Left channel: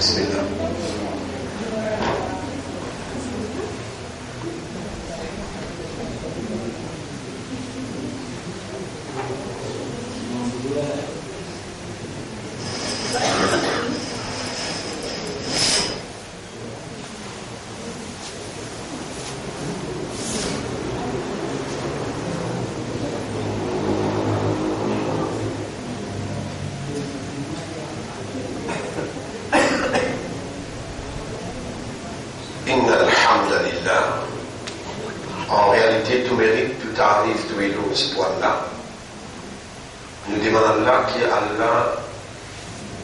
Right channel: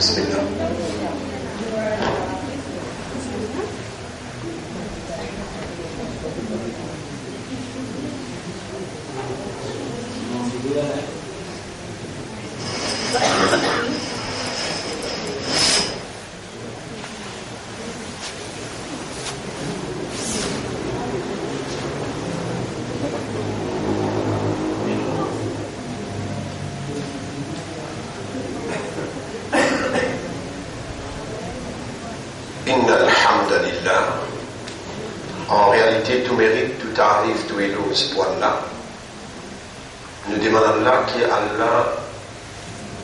Bismillah. En réalité, tout mérite, tout arrive, tout est là, ce point-là. Nous demandons là que Allah,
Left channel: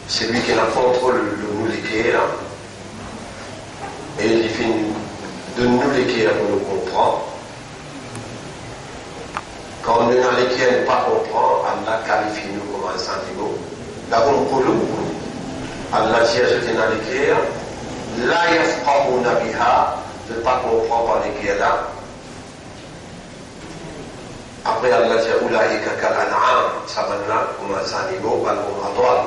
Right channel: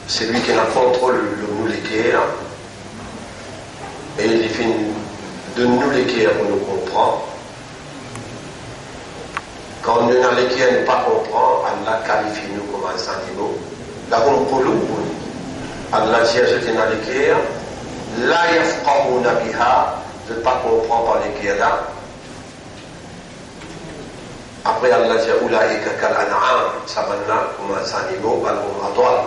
c'est lui qui a contrôle de nous l'équerre, et il fait de nous l'équerre pour nous comprendre. Quand nous n'avons l'équerre ne pas comprendre, Allah qualifie nous comme un sentiment. Là, on peut Allah dit à ceux qui n'ont l'équerre, la yafqahuna biha, de ne pas comprendre par l'équerre là. Après Allah dit Oulaïka kal an'am, ça va là comme un animal, pas comme un toile.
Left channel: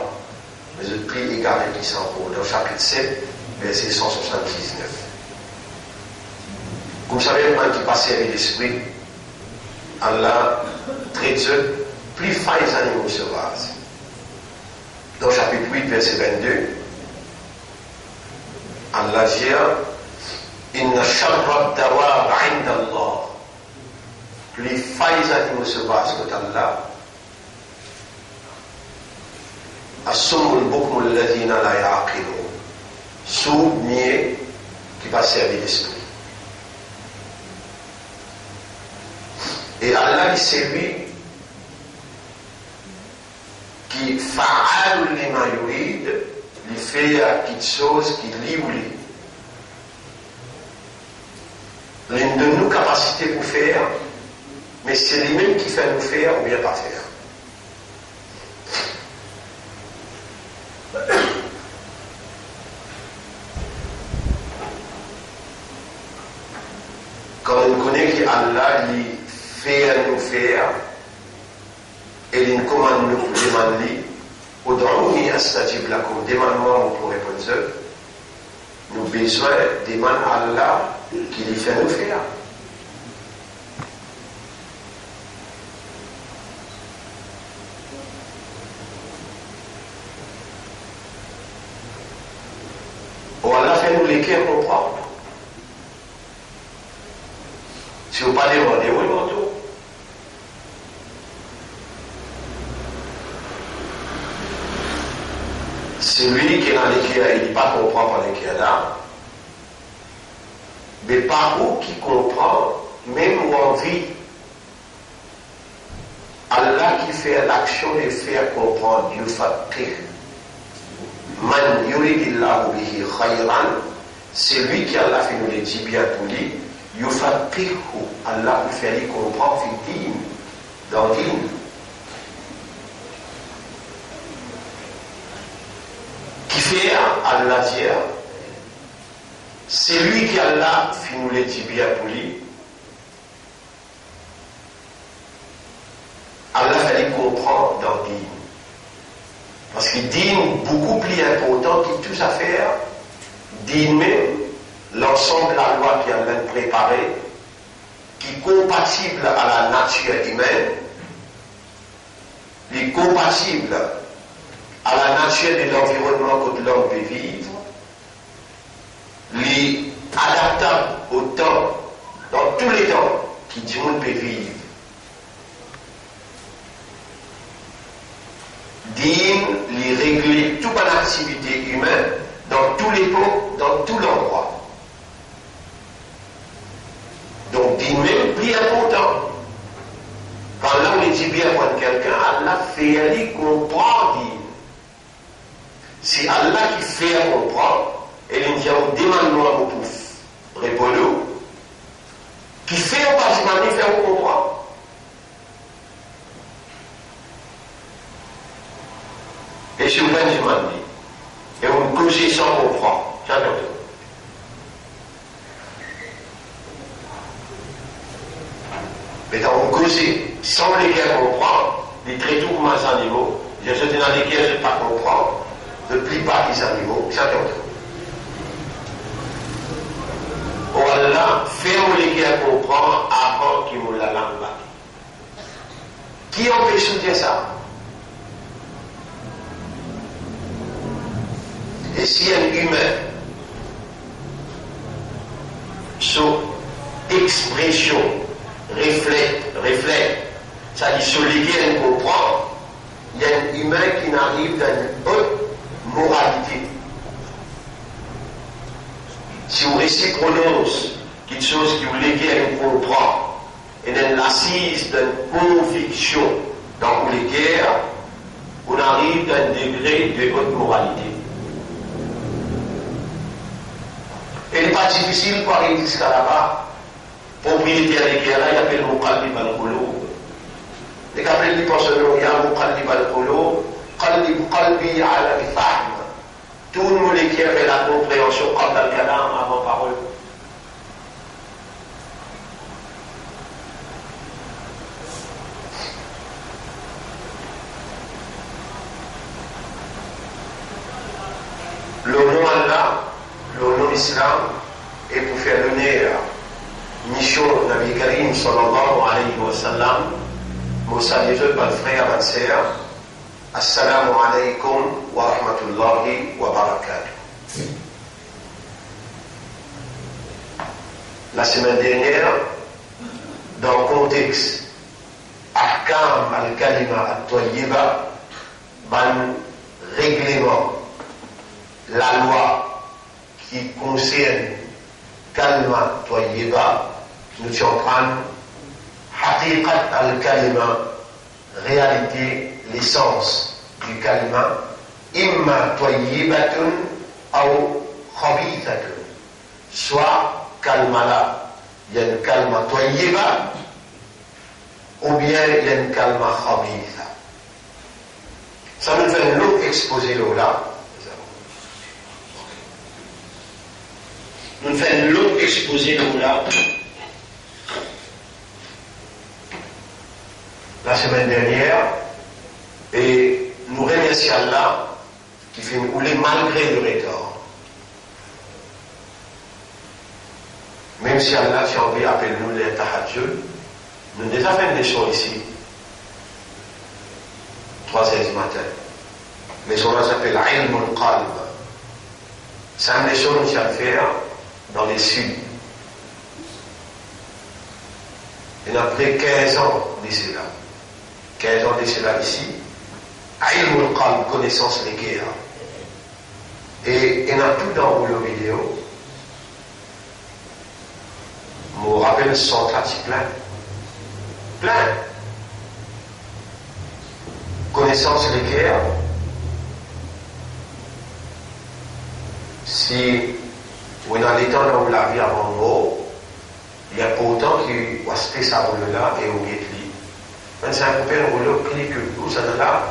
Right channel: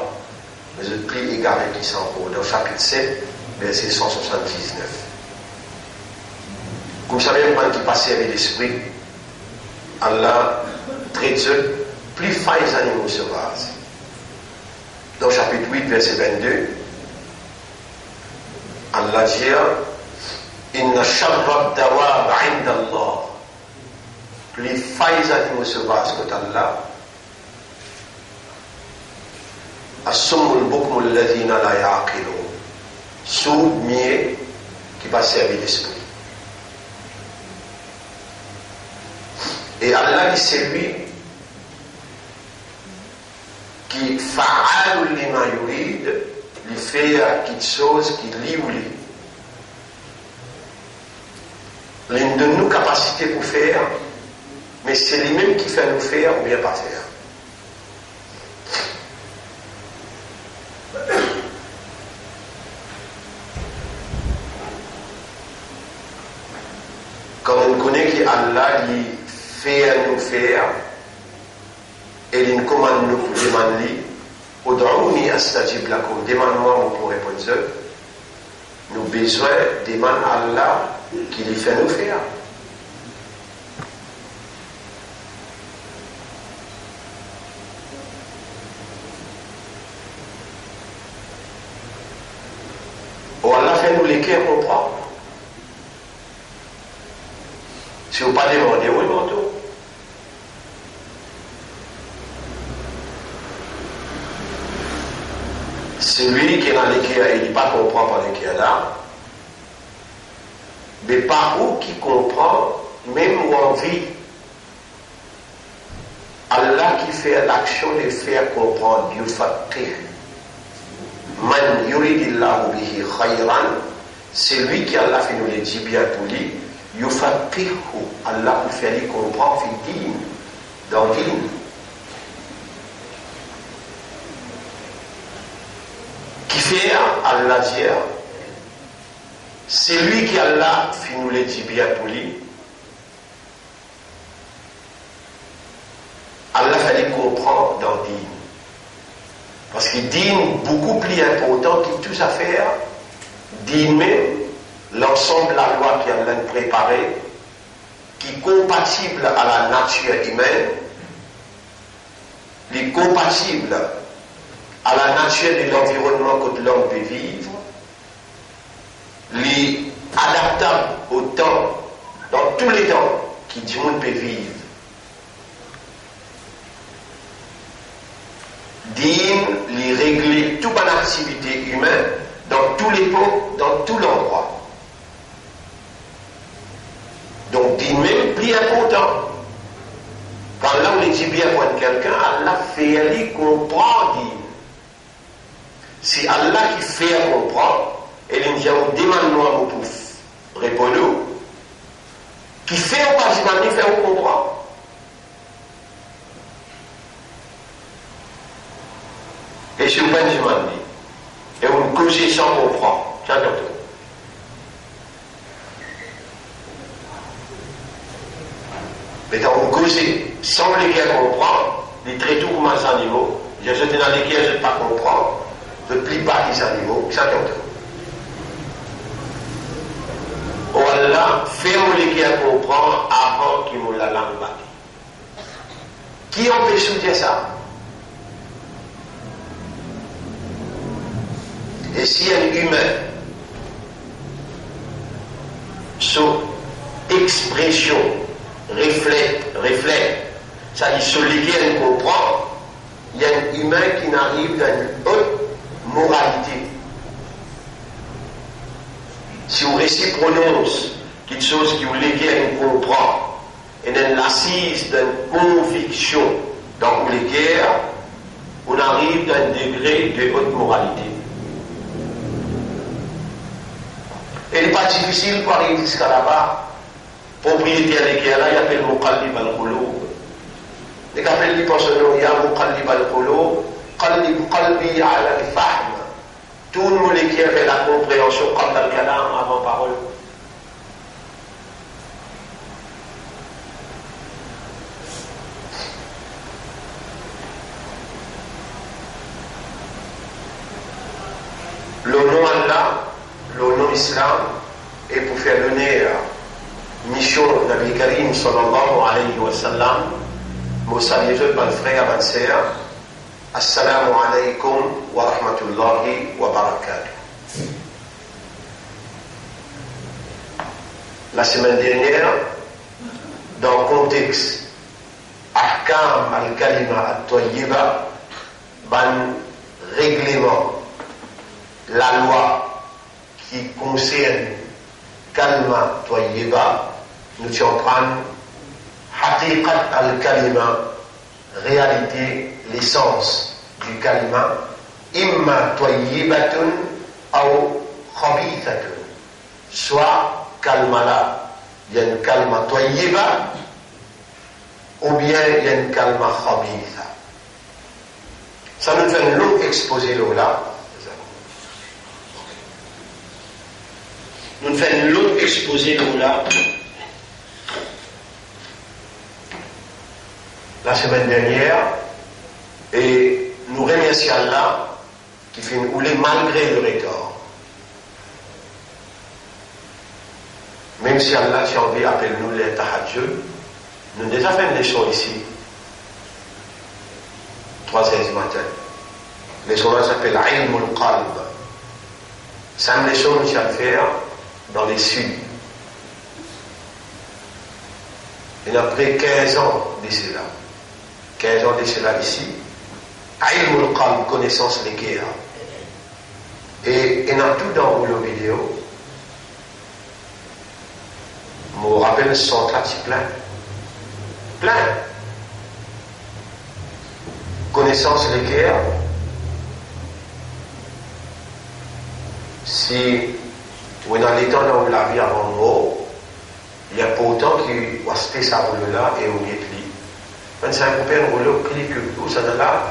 Mais je prie égaré qui s'en fout. Dans le chapitre 7, verset 179. Vous savez, moi qui passe avec l'esprit, Allah traite ceux plus fins animaux sauvages. Dans le chapitre 8, verset 22, Allah dit Inna sharra dawab inda Allah. Les failles animaux sauvages que Allah assumul bukmul ladina la yaqilun, sourd, muet, qui passe avec l'esprit. Et Allah dit c'est lui qui fa'al lima yurid, il fait quelque chose qui lui voulait. L'une de nous capacités pour faire, mais c'est lui-même qui fait nous faire ou bien pas faire. Quand on connaît qu'Allah lui fait nous faire, et il nous commande nous pour demander, Ud'ouni astajib lakum, demande-moi pour répondre, nous avons besoin de demander à Allah qui lui fait nous faire. Allah fait nous l'équerre comprendre. Si vous ne pas demander, oui, non, tout. Celui qui est dans l'équerre, il ne pas comprendre par l'équerre là. Mais par où qui comprend, même où on vit, Allah qui fait l'action de faire comprendre, Dieu fait. Man yuridillahu bihi khayran, c'est lui qui Allah fait nous les dit bien pour lui, yufaqihu, Allah vous fait lui comprendre fi din, dans din. Qui fait Allah dire, c'est lui qui Allah fait nous les dit bien pour lui, Allah fait lui comprendre dans din. Parce qu'il dit beaucoup plus important que toute affaire, dit même l'ensemble de la loi qui a préparée, qui est compatible à la nature humaine, qui est compatible à la nature de l'environnement que l'homme peut vivre, qui est adaptable au temps, dans tous les temps que Dieu peut vivre. Dîne, les régler toute une activité humaine dans tous les points, dans tout l'endroit. Donc, dîne même plus important. Quand là on dit bien pour quelqu'un, Allah fait aller comprendre dîne. Si Allah qui fait comprendre, et il dit on demande-nous à vous pour répondre, qui fait au pas de faire comprendre. Et je vous demande, et vous me causez sans comprendre. J'adore. Mais quand vous causez sans lesquels comprendre, les traitons comme un animaux, je suis dans lesquels je ne pas comprendre, de plus bas qu'ils animaux, ça compte. Allah fait-on qui comprend avant qu'il me la langue batte. Qui empêche soutien ça? Et si un humain, son expression reflète, c'est-à-dire celui qui comprend, il y a un humain qui n'arrive dans une haute moralité. Si on récit prononce quelque chose qui vous léguer comprend, et dans l'assise d'une conviction dans les guerres, on arrive dans un degré de haute moralité. Et il n'est pas difficile pour arriver jusqu'à là-bas. Propriétaire des guerres, là, il appelle Muqallib al-Qulub. Et quand il pense il y a Muqallib al-Qulub, Qalbi ala al-Fahm. Tout le monde qui avait la compréhension comme dans le kalam avant parole. Le nom Allah, le nom Islam, est pour faire l'honneur mission Nabi Karim sallallahu alayhi wa sallam. Mon salut mon frère, ma sœur. Assalamu alaikum wa rahmatullahi wa barakatuh. La semaine dernière, dans le contexte Ahkam al-Kalima al-Tayyiba, ban règlement, la loi qui concerne Kalima Tayyiba, nous sommes en train Haqiqat al-Kalima, réalité, l'essence du kalima, imma tayyibatun ou khabithatun. Soit kalma là, il y a une kalma tayyiba, ou bien il y a une kalma khabitha. Ça nous fait un long exposé là. Nous fait un long exposé là. La semaine dernière, et nous remercions Allah qui fait nous rouler malgré le retard. Même si Allah, si on veut appeler nous les tahajjud, nous avons déjà fait une leçon ici, 3h du matin. Leçon là s'appelle Ilm al-Qalb. C'est une leçon que j'ai à faire dans les Sud. Et après 15 ans de cela. 15 ans de cela ici, Ilm al-Qalb, connaissance des guerres. Et il y a tout dans vos vidéos. Je me rappelle son pratique plein. Connaissance des guerres. Si on est dans les temps où la vie avant mort, il y a pas autant qui va se faire ça là et on y est. Quand c'est un copain, on va cliquer tout ça là.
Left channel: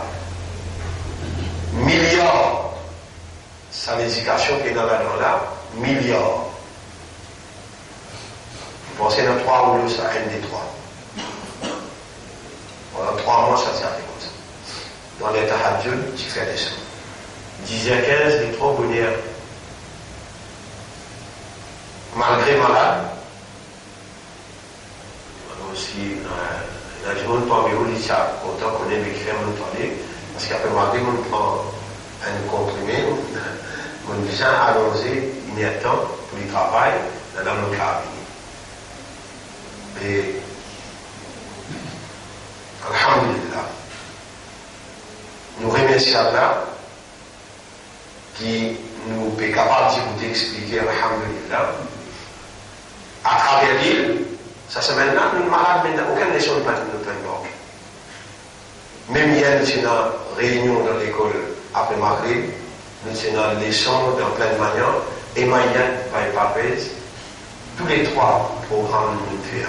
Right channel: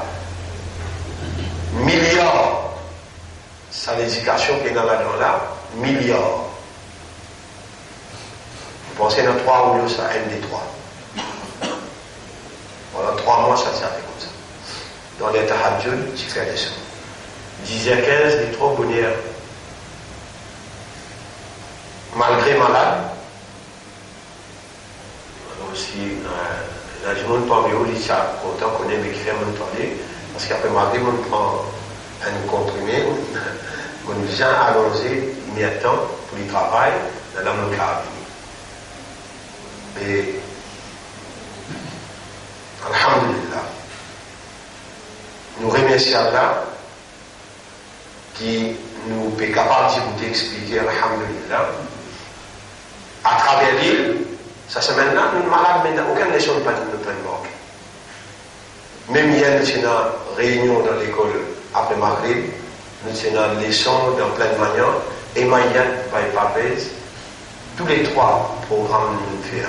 Milliards. C'est l'éducation qui est dans là. Milliards. Vous pensez dans 3 rouleaux, ça MD3. Pendant 3 mois, ça fait comme ça. Dans les tahajjud, tu fais des choses. 10h15, des 3 bonheurs. Malgré malade, aussi, dans le monde parmi eux, ils sont contents qu'on ait qui fait mon toilette, parce qu'après malgré on prend un comprimé, on vient allongé immédiatement pour le travail dans le cabinet. Et alhamdulillah, nous remercions Allah qui nous est capable de vous expliquer alhamdulillah à travers l'île. Ça c'est maintenant, nous malades, mais aucune leçon ne peut nous invoquer. Même hier, nous sommes en réunion dans l'école après Maghreb, nous sommes en leçon dans plein de manières, et Maïan, Païpapès, tous les 3 programmes nous faisons.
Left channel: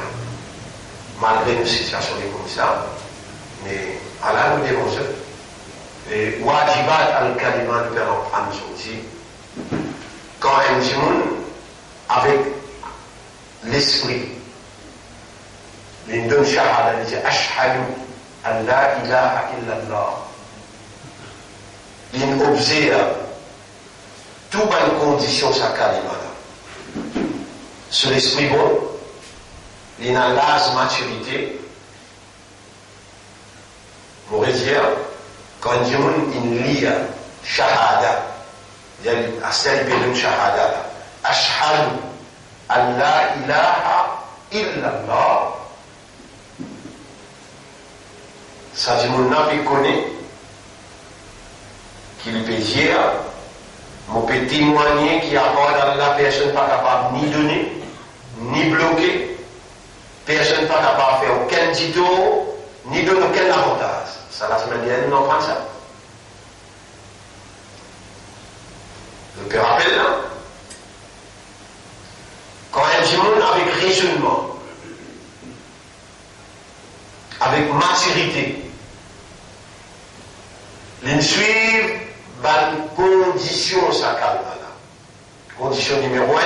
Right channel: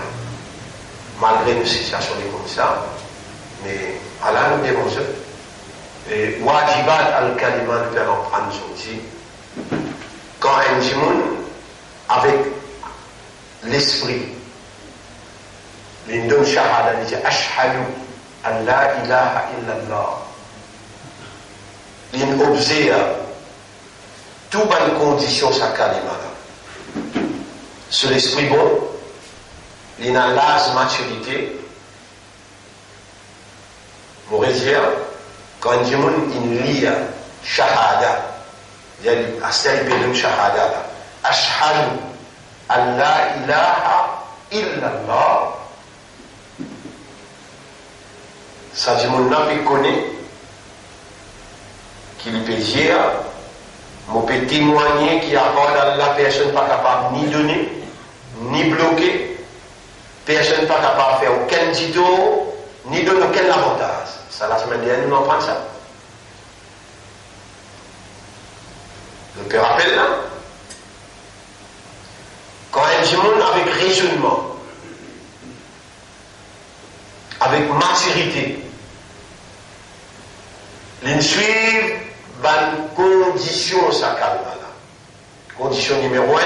Malgré une situation comme ça, mais Allah nous démontre. Et Wajibat al-Kalima nous permet de prendre sorti. Quand un djimoun, avec l'esprit, l'indon shahada dit ashhadu an la ilaha illallah. il observe toutes les conditions ça calme. Sur l'esprit bon, il a l'âge maturité. On pourrait dire, quand il lit shahada, il y a un shahada, ashhadu an la ilaha illallah. Ça dit mon âme connaît qu'il peut dire, mon peut témoigner qui accorde à la personne pas capable ni donner, ni bloquer, personne pas capable de faire aucun dito, ni donner aucun avantage. Ça la semaine dernière, nous en prenons ça. Le peut rappeler là, quand un petit monde avec raisonnement, avec maturité, ils suivent les conditions ça calme là. Condition numéro 1,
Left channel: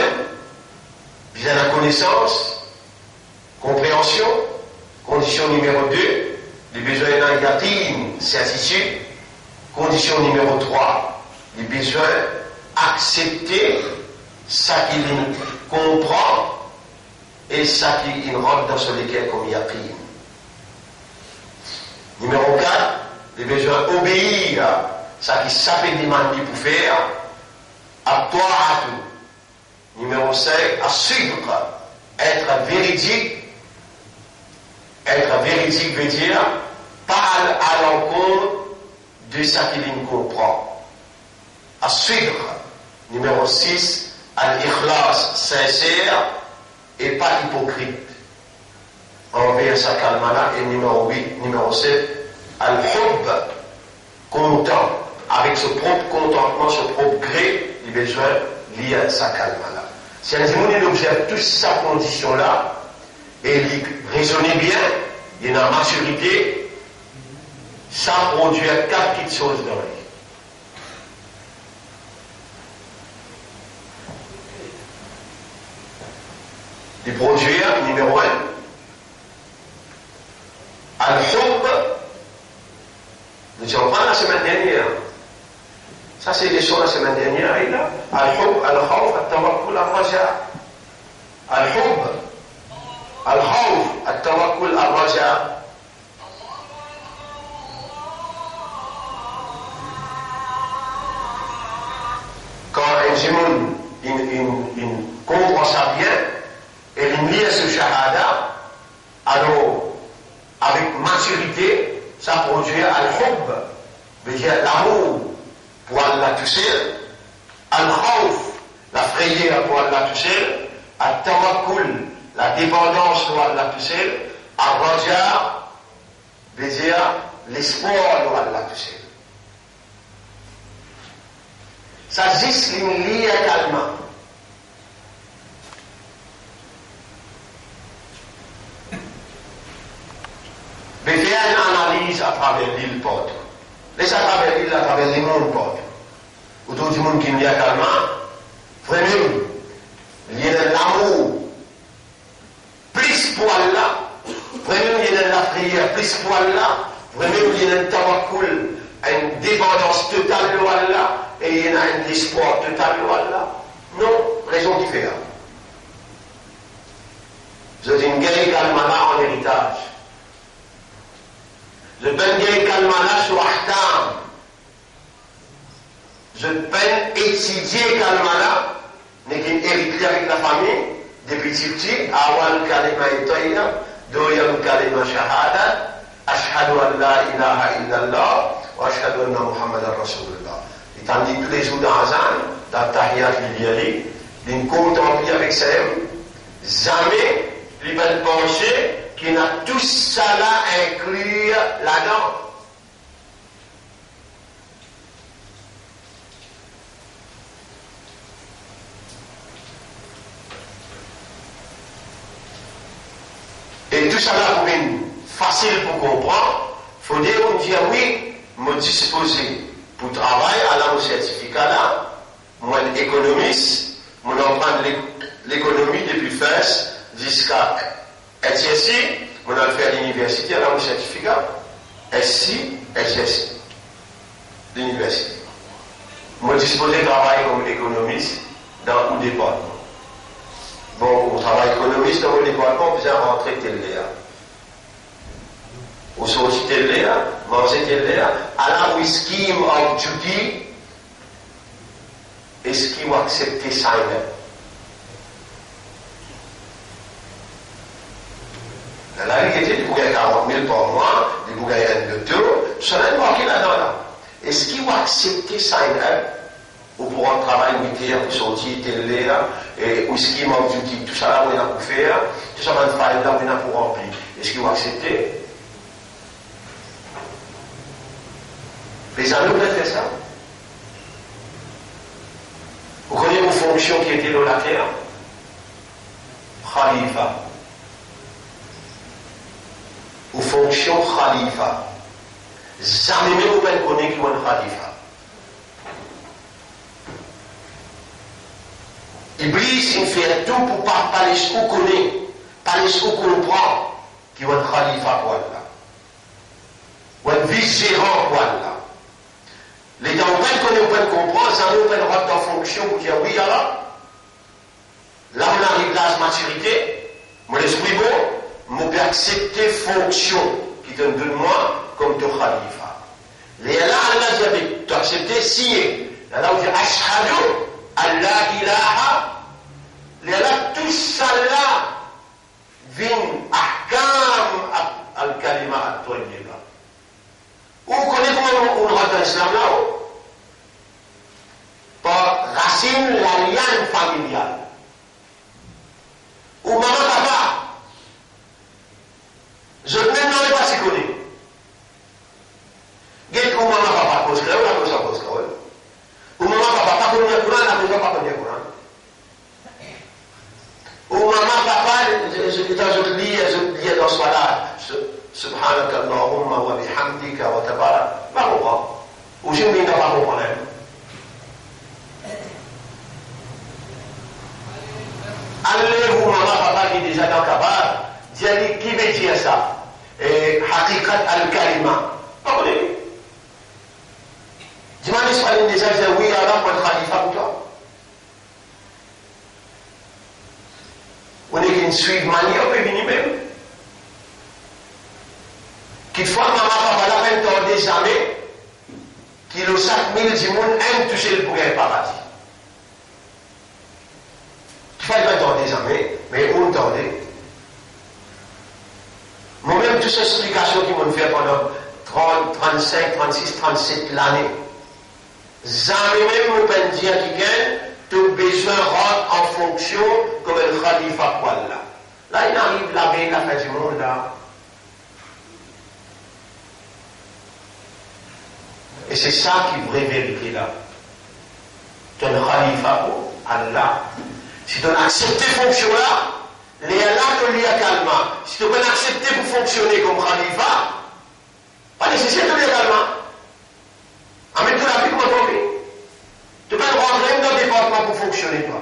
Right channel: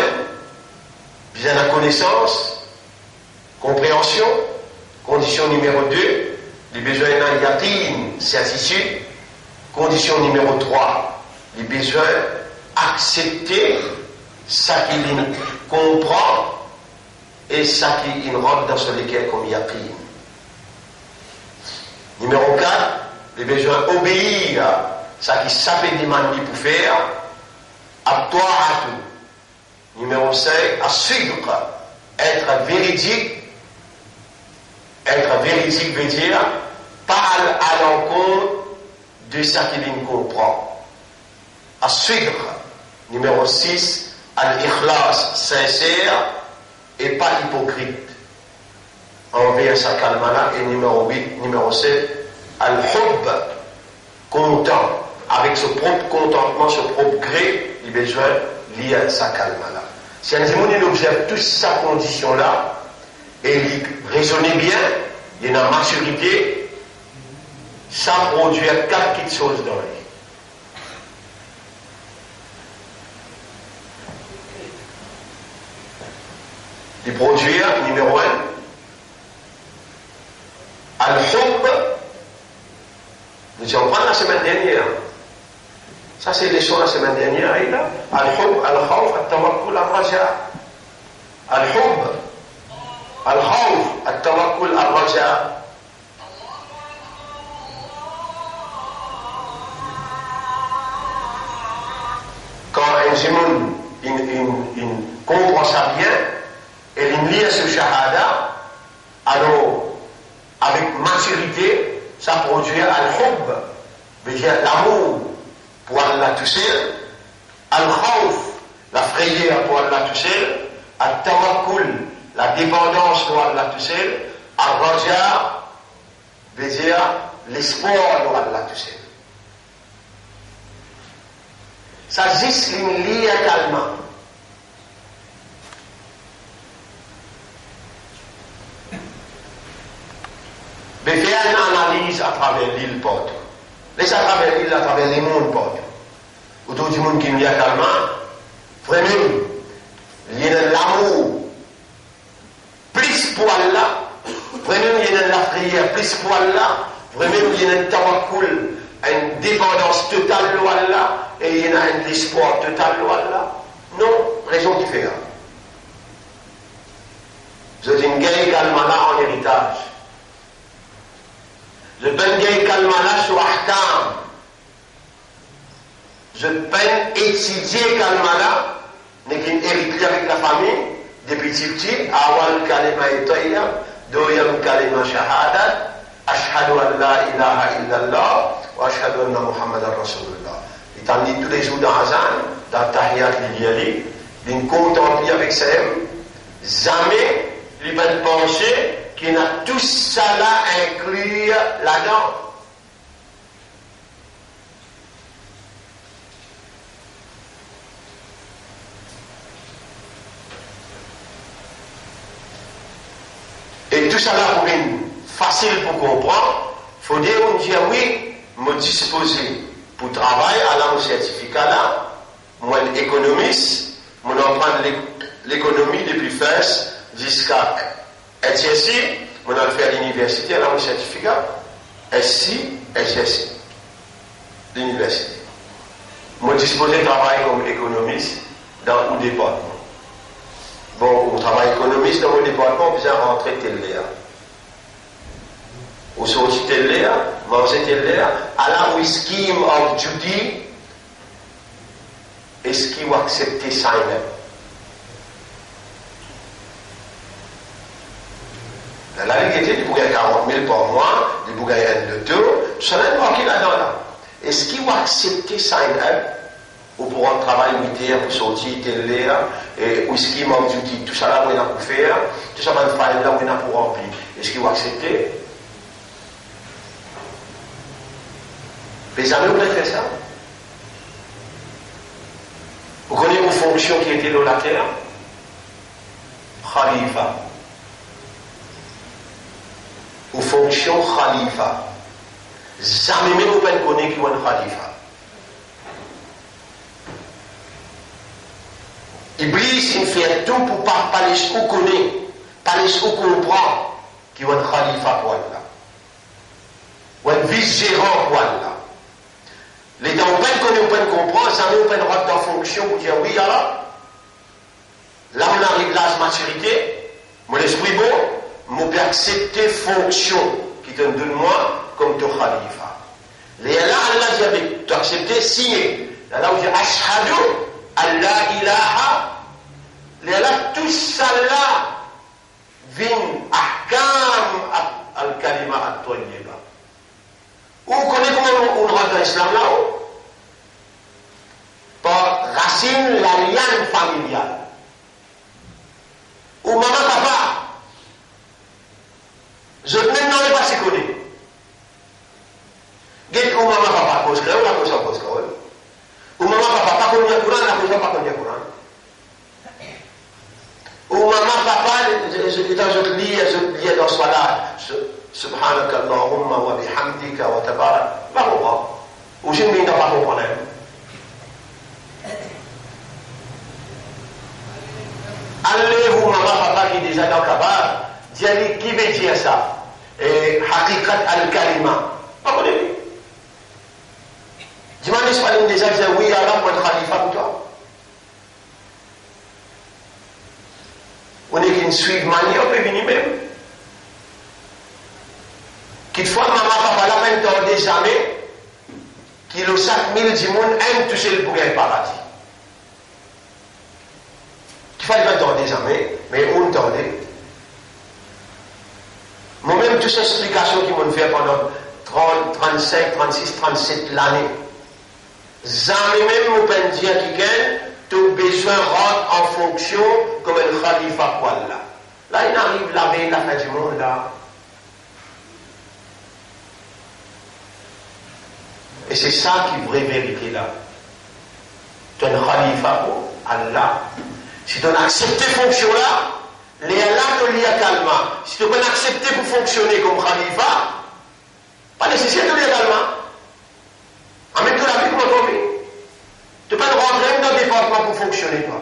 bien la connaissance, compréhension. Condition numéro 2, les besoins d'un yaqin, certitude. Condition numéro 3, les besoins accepter ça qu'il comprend et ça qu'il rentre dans ce lequel comme yaqin. Numéro 4, les besoins obéir à ça qui s'appelle demander pour faire, à toi à tout. Numéro 5, à suivre, être véridique. Être véridique veut dire parle à l'encontre de ça qu'il comprend. À suivre. Numéro 6, al-ikhlas, sincère et pas hypocrite. Envers sa kalmana. Et numéro 8, numéro 7, al-hub, content, avec ce propre contentement, ce propre gré, il a besoin lié à sa kalmana. Si un démon il observe toutes ces conditions-là, et il raisonne bien, il y a une maturité, ça produit 4 petites choses dans la vie. Il produit, numéro 1, al-hub. Nous avons pris la semaine dernière. Ça, c'est les choses la semaine dernière. Al-hub, al-khawf, al-tawakkul, al-raja. Al-hub, al-khawf, al-tawakkul, al-raja. Quand un zimoun, il comprend ça bien, et il lit ce shahada, alors, avec maturité, ça produit al-hub, veut dire l'amour pour Allah toucher, al-khawf, la frayeur pour Allah toucher, al-tawakkul, la dépendance pour Allah toucher, al-raja, veut dire l'espoir pour Allah toucher. Ça juste une ligne calmement. Mais faire une analyse à travers l'île porte. Laisse à travers l'île, à travers les mondes porte. Autour du monde qui me dit calmement, vraiment, il y a l'amour, plus pour Allah, vraiment il y a la prière, plus pour Allah, vraiment il y a un tawakkul, une dépendance totale de Allah, et il y a un espoir total de Allah. Non, raison différente. Vous êtes une guerre calmana en héritage. Je peine gagner kalmana sur ahkam. Je peine étudier kalmana, n'est qu'une hérité avec la famille, depuis petit, awal kalima itoya, doyam kalima shahada, ashhadu an la ilaha illallah, wa ashhadu anna muhammadan rasulullah. Il t'a dit tous les jours dans Hazan, dans Tahiyat l'Iliali, il contemple avec ça, jamais il va penser qu'il a tout ça là inclus là-dedans. Et tout ça là pour une facile pour comprendre, il faut dire, oui, me disposer pour travailler à la certificat là, moi économiste, moi prendre l'économie depuis FES jusqu'à SSI, on a fait à l'université, on a un certificat, SI, SSI, l'université. Moi, disposé de travailler comme économiste dans un département. Bon, on travaille économiste dans le département, vous avez rentré tel là. Au sorti tel là, manger tel là, à la où scheme of duty, est-ce qu'il va accepter ça? La réalité, il pourrait 40 000 par mois, il pourrait gagner de tout, ça n'est pas qu'il a dans là. Est-ce qu'il va accepter ça ou pour un travail militaire, pour sortir tel là, et où scheme of duty, tout ça là, on a pour faire, tout ça va faire là, on a pour remplir. Est-ce qu'il va accepter? Les amis, vous pouvez faire ça? Vous connaissez vos fonctions qui étaient dans la terre? Khalifa. Vos fonctions Khalifa. Jamais même vous ne connaissez qui est un Khalifa. Iblis, il fait tout pour ne pas laisser vous connaître, pas laisser vous comprendre qui est un Khalifa pour Allah. Ou un vice-gérant pour Allah. Les gens ne peuvent comprendre, ça ne peut pas en fonction pour dire oui, alors, là on arrive à la maturité, mon esprit bon, je peux accepter fonction qui te donne moi comme ton khalifa. Et là, Allah dit, tu acceptes signer. Là, on dit, ashhadu, Allah ilaha. Et là, tout ça là, vient ahkam al-kalima al-tayyiba. Vous connaissez comment on rentre dans l'islam là-haut? Par racine, la liane familiale. Ou maman, papa, je ne même pas si connais. Dites ou maman, papa, cause créole, la cause en cause créole. Ou maman, papa, pas connaît le Coran, la cause pas connaît le Coran. Ou maman, papa, je lis dans ce là. Subhanaka Allahumma wa bihamdika wa tabarak. Pas comprendre. Ou je ne pas comprendre. Allez-vous, maman, papa qui est déjà dans le cabal, dis-lui qui veut dire ça? Et hakikat al-kalima. Pas connaître. Dis-moi, je suis déjà dit oui, Allah, moi, je khalifa pour toi. On est qu'une suite manie, on peut venir même. Qu'il fois maman, papa, la même temps des années, qu'il a 5000 du monde aime toucher le bouquet paradis. Qu'il faut le temps des années, mais on entendait. Moi-même, toutes ces explications qui m'ont fait pendant 30, 35, 36, 37 l'année, jamais même on peut dire qu'il tout besoin rentre en fonction comme un khalifa quoi là. Là, il arrive la veille, la fin du monde là. Et c'est ça qui est vraie vérité là. Tu es un khalifa pour Allah. Si tu as accepté cette fonction-là, les Allah te lie à calma. Si tu peux accepter pour fonctionner comme khalifa, pas nécessaire de lire calma. En même temps, la vie comment tomber. Tu peux rentrer dans le département pour fonctionner toi.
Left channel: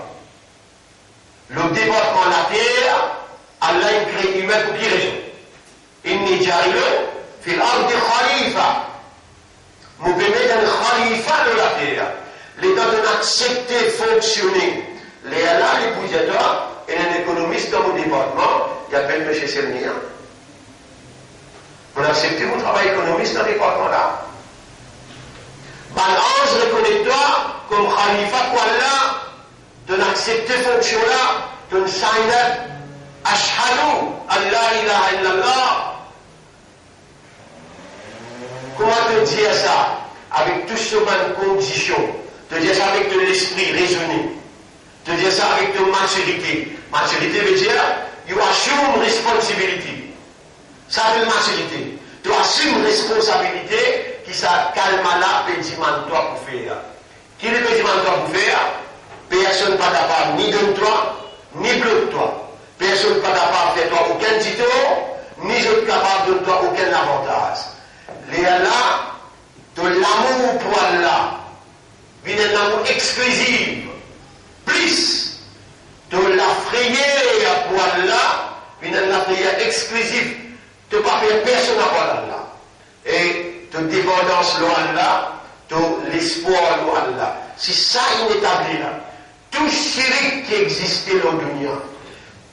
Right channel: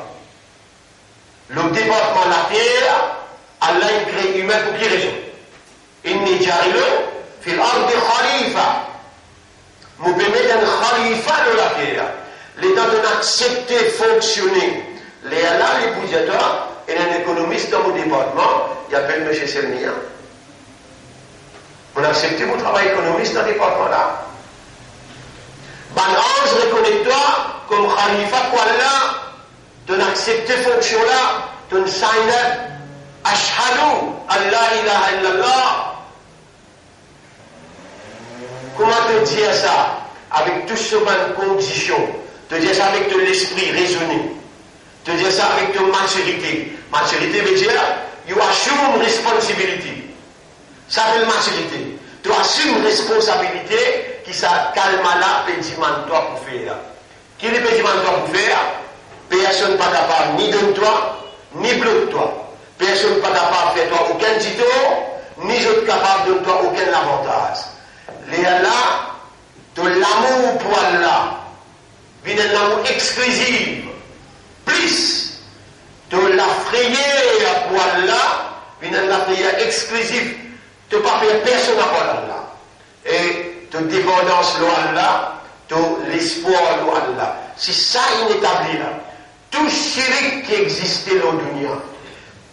Le département la terre, Allah a créé humain pour quelle raison? Inni ja'ilun fil ardi khalifa. Nous pouvons mettre un khalifa de la terre. L'État doit accepter fonctionner. Les Allah, les boudjateurs, et un économiste dans mon département, il appelle M. Selmia. On a accepté mon travail économiste dans ce département-là. Balance, reconnais-toi comme khalifa quoi là, de accepter fonction-là, de signer ashhadu Allah ilaha illallah. Comment te dire ça? Avec tout ce de conditions. Te dire ça avec de l'esprit raisonné. Te dire ça avec de maturité. Maturité veut dire, you assume responsibility. Ça veut maturité. Tu assumes responsabilité qui ça calme là, pédimentoire pour faire. Qui est le pédimentoire pour faire? Personne n'est pas capable ni de toi, ni de toi. Personne n'est pas capable de faire toi aucun titre, ni je capable de toi aucun avantage. Les Allah, de l'amour pour Allah, vient un amour exclusif, plus de la frayeur pour Allah, vient la frayeur exclusive, de ne pas faire personne à Allah. Et de dépendance à Allah, de espoir à Allah. Si ça inétabli là, tout shirk qui existait dans le dunya,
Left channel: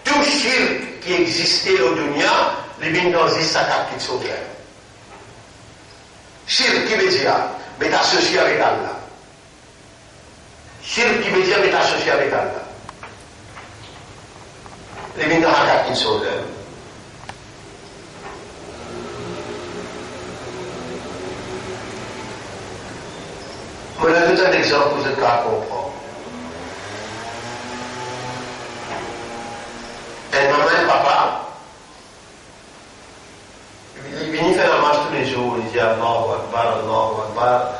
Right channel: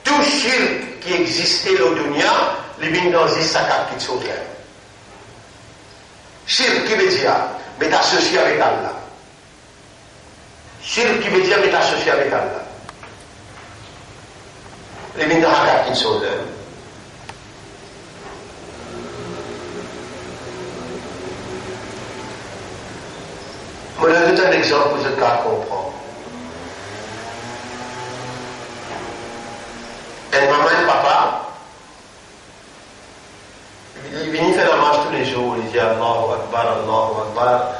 tout shirk qui existait dans le dunya, les bins dans les sacs qui sont clairs. Shirk qui veut dire, mais t'associer avec Allah. Shirk qui veut dire, mais t'associer avec Allah. Les bins dans les sacs qui sont clairs. Je vais donner un exemple pour ce cas comprendre. Et maman et papa, ils viennent faire la marche tous les jours, ils disent Allahu Akbar,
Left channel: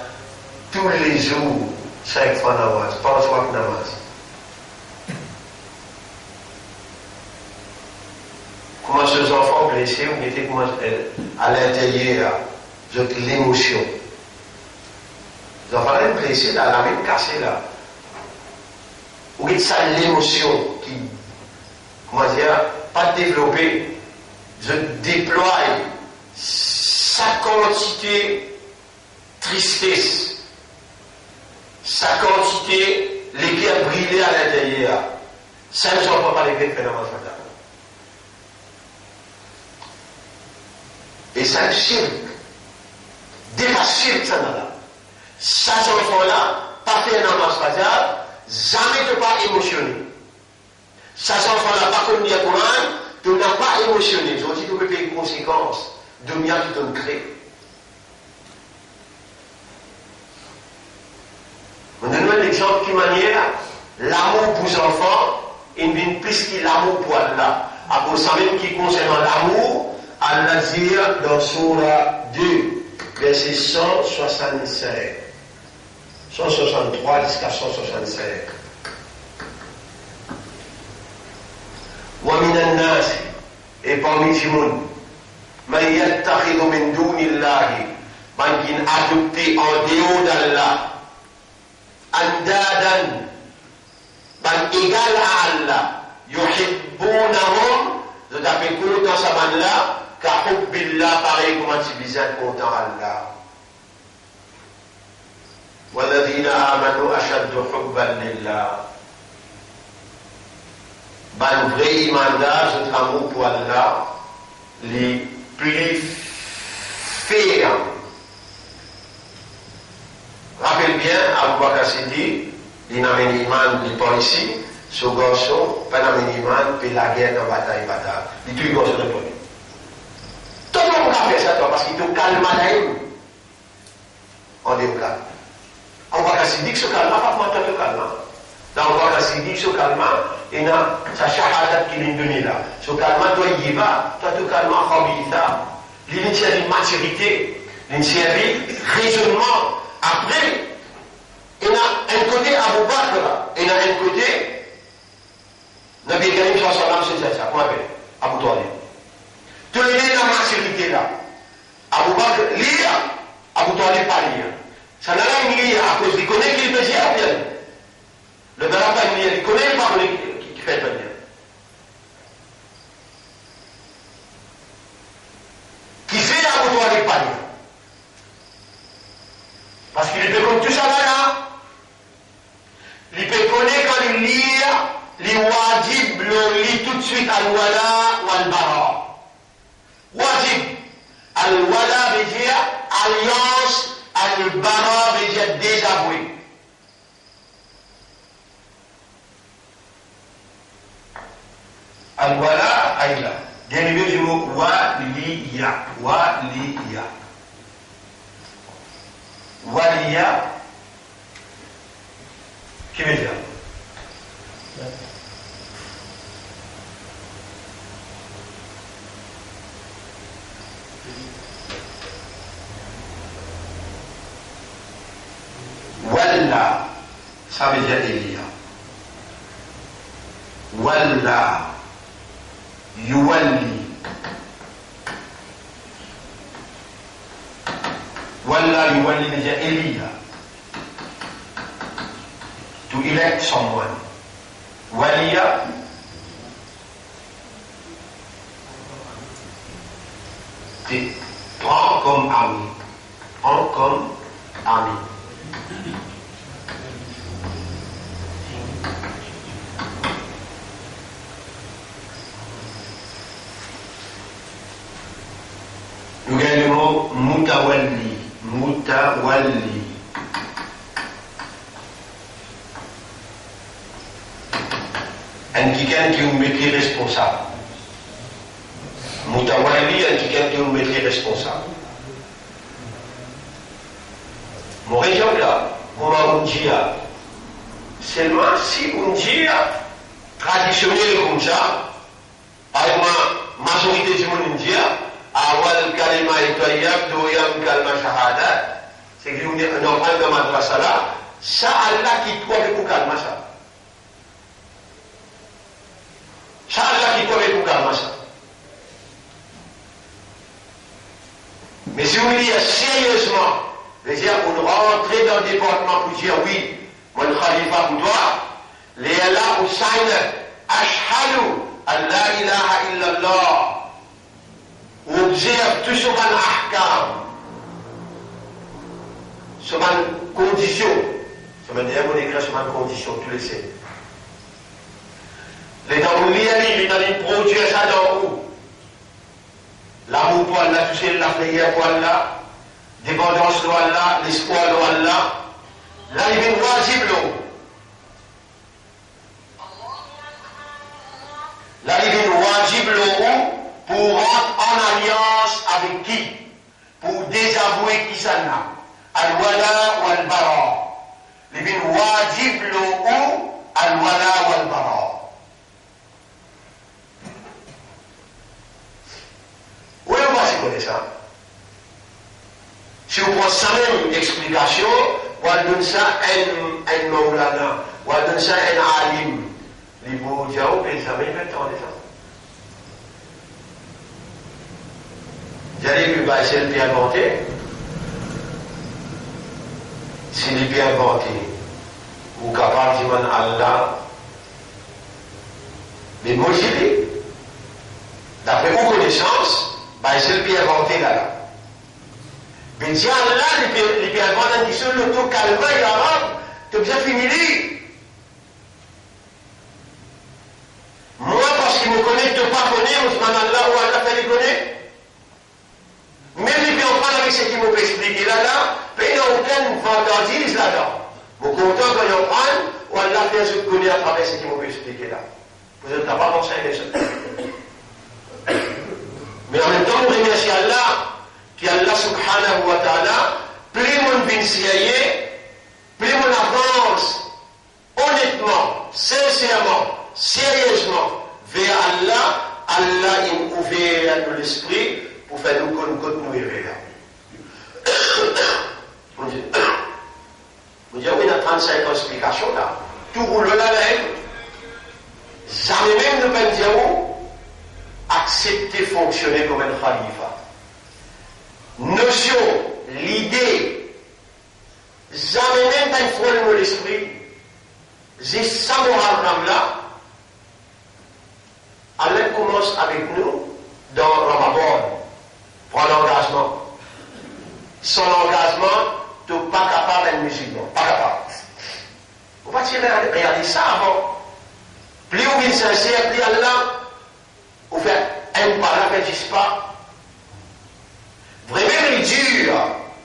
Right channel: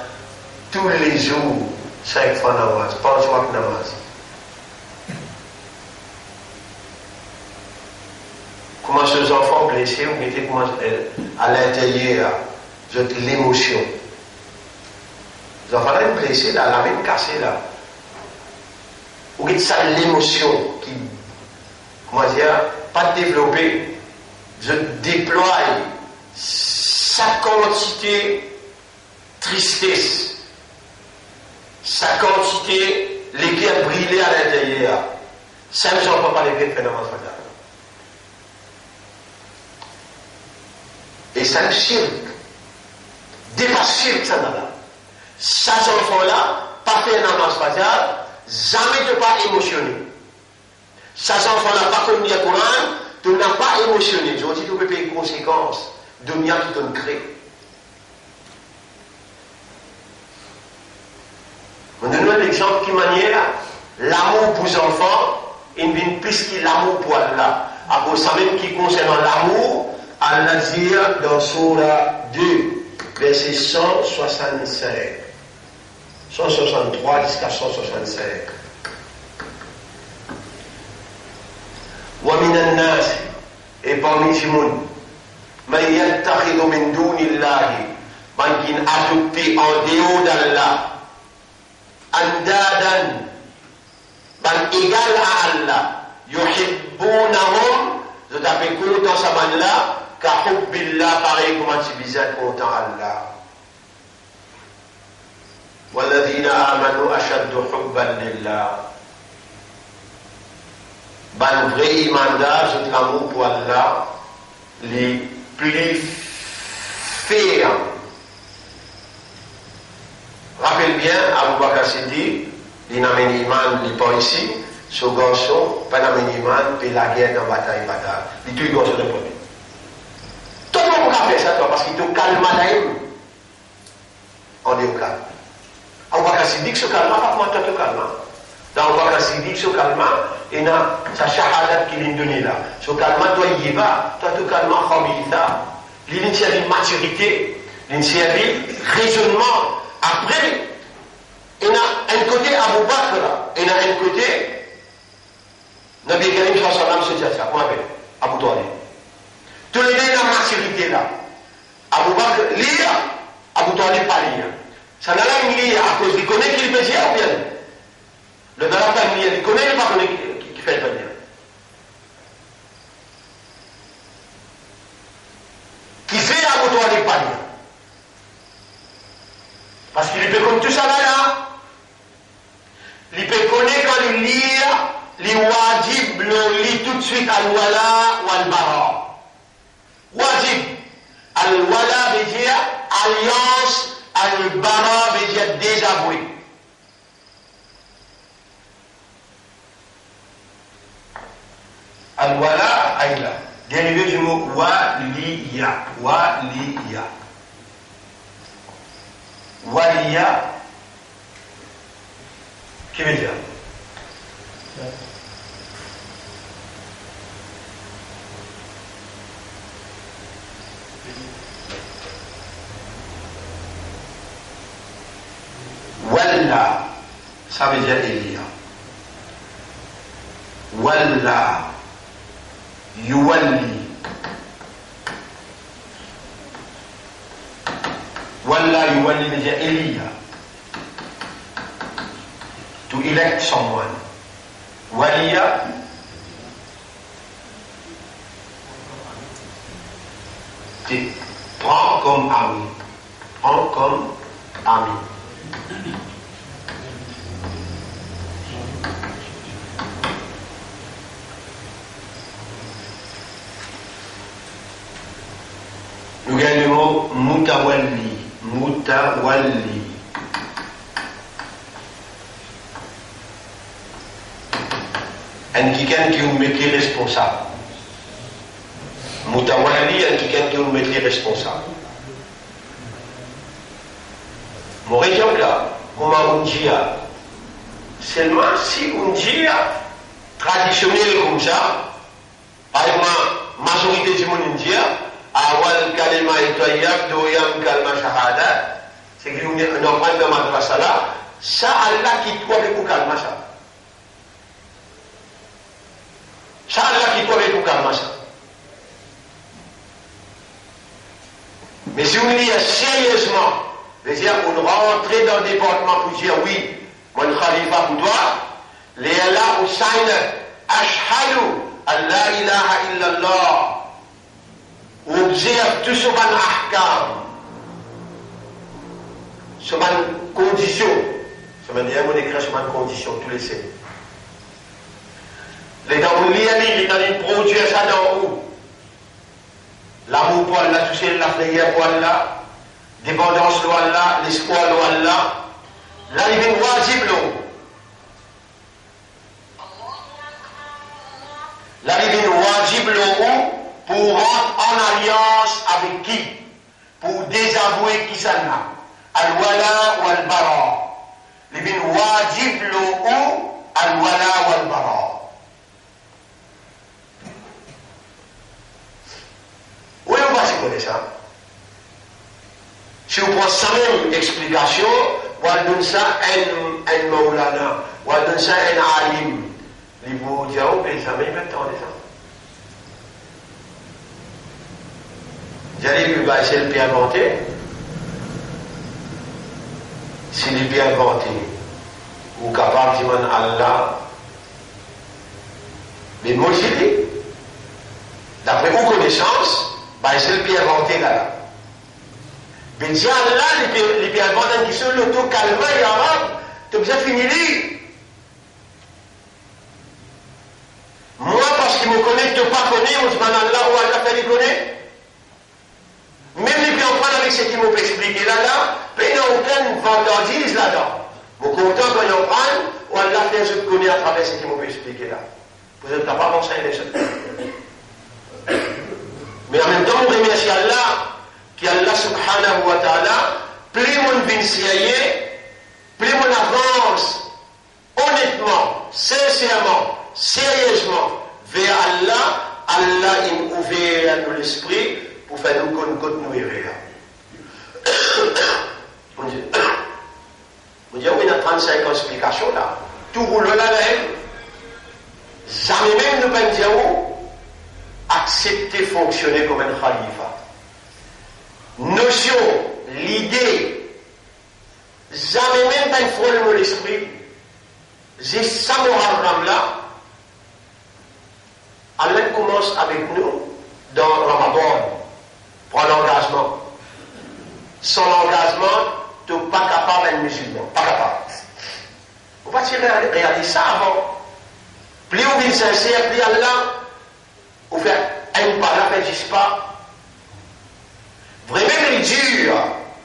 tous les jours, 5 fois namaz, pas le choix que namaz. Comment ces enfants blessés, vous mettez comment à l'intérieur, l'émotion. Les enfants sont blessés là, la même cassée là. Vous voyez ça, l'émotion qui, comment dire, pas développée, je déploie sa quantité tristesse, sa quantité l'éclair brûlé à l'intérieur. Ça ne sont pas les vrais phénomènes fatals. Et ça, le shirk, dépasse shirk, ça n'a pas. Ces enfants-là, pas fait un namaz fatal, jamais ne pas émotionné. Ces enfants-là, pas comme dit le Coran, tu n'as pas émotionné. Ils ont dit que tu peux payer les conséquences de bien qui t'ont créé. On donne un exemple qui manière l'amour pour les enfants, il vient plus que l'amour pour Allah. Après ça même qui concerne l'amour, Allah dit dans Surah 2, verset 165. 163 jusqu'à 165. ومن الناس et parmi les gens من يتخذ من دون الله من qui adopté en dehors d'Allah أندادا من égal à Allah يحبونهم je t'appelle content ça man là كحب الله pareil comment tu disais content Allah والذين آمنوا أشد حبا لله ban vrai imanage de l'amour pour Allah les plus fermes. Rappelle bien, Abu Bakr Siddiq, il n'a pas iman, il n'est pas ici, ce garçon, pas n'a pas iman, puis la guerre en bataille. Il tue le garçon de premier. Tout le monde a fait ça, toi, parce qu'il te calme à l'aïm. On est au calme. Abu Bakr Siddiq se calme, pas comment tu te calmes. Dans Abu Bakr Siddiq se calme, et na sa shahadat qui lui donne là. Ce calme, toi, il y va, toi, tu calmes en khabilita. L'initiative maturité, l'initiative raisonnement. Après, il y a un côté Abu Bakr, il y a un côté Nabi Karim sallallahu alayhi wa sallam, comment on appelle Abu Talib. Tous les deux, la maturité là. Abu Bakr lire, Abu Talib pas lire. Ça n'a rien lire à cause, il connaît qu'il peut dire ou bien. Le n'a pas lire, il connaît pas qui fait le bien. Qui fait Abu Talib pas lire. Parce qu'il peut comme tout ça là, il peut connaître quand il lit, les wajib le lit tout de suite al-wala ou al-bara. Wajib, al-wala veut dire alliance, al-bara veut dire désavoué. Al-wala, aïla, dérivé du mot waliya, waliya. Waliya, qui veut dire Walla, ça veut dire Elia. Walla, yuwalli. Walla yuwalli veut dire Elia. To elect someone. Waliya, tu prends comme ami. Prends comme ami. Nous gagnons le mot mutawalli. Mutawalli. Quelqu'un qui nous met responsable. Mutawalli, quelqu'un qui nous met responsable. Mon région là, on dit seulement si on dit traditionnel comme ça, par exemple, majorité du monde dit awal kalima tayyib doyam kalma shahada, c'est que nous avons un madrasa là, ça Allah qui doit vous calmer ça. Ça Allah qui doit vous calmer ça. Mais si vous dites sérieusement, c'est-à-dire on rentre dans le département pour dire oui, mon khalifa pour toi, les Allah Hussein, ashhadu an la ilaha illallah, observe tout ce qu'on ahkam, ce qu'on condition, ce qu'on écrit ce qu'on condition, tous les sais. Les dans le lit, il a produit ça dans où? L'amour pour Allah, toucher la prière pour Allah, dépendance pour Allah, l'espoir pour Allah, là il est wajib l'eau. Là il est wajib l'eau pour rentrer en alliance avec qui? Pour désavouer qui ça n'a? Al-wala ou al-bara. Il est wajib l'eau al-wala ou al-bara. Oui, on va se connaître ça. Si on prend ça même explication, on va donner ça un maulana, on va donner ça un alim. Les mots diaou, les amis, maintenant, les gens. J'allais lui baser le bien inventé. S'il est bien inventé, ou capable de dire Allah, mais motivé, d'après vos connaissances, c'est le bien inventé là. Mais si Allah, les bien inventés qui sont l'auto-calmant et arabe, tu as bien fini lui. Moi, parce qu'il me connaît, tu ne pas connaître, on se demande Allah ou Allah fait les connaître. Même les bien prendre avec ce qu'il m'a expliqué là, il n'y a aucune fantaisie là-dedans. Mon content quand il prend, ou Allah fait ce qu'il connaît à travers ce qu'il m'a expliqué là. Vous n'êtes pas pensé à ça. Mais en même temps, on remercie Allah, qui Allah subhanahu wa ta'ala, plus mon vincier, plus mon avance, honnêtement, sincèrement, sérieusement, vers Allah, Allah il ouvert l'esprit pour faire nous continuer vers là. On dit, oui, il y a 35 ans d'explication là. Tout roule là, jamais même nous pas dire accepter fonctionner comme un khalifa. Notion, l'idée, jamais même pas une fois de l'esprit. J'ai ça moral là. Allah commence avec nous dans Ramadan. Prends l'engagement. Sans l'engagement, tu n'es pas capable d'être musulman. Pas capable. Vous ne pouvez pas regarder ça avant. Plus vous êtes sincère, plus Allah. Vous faites un parent qui n'existe pas. Vraiment, il est dur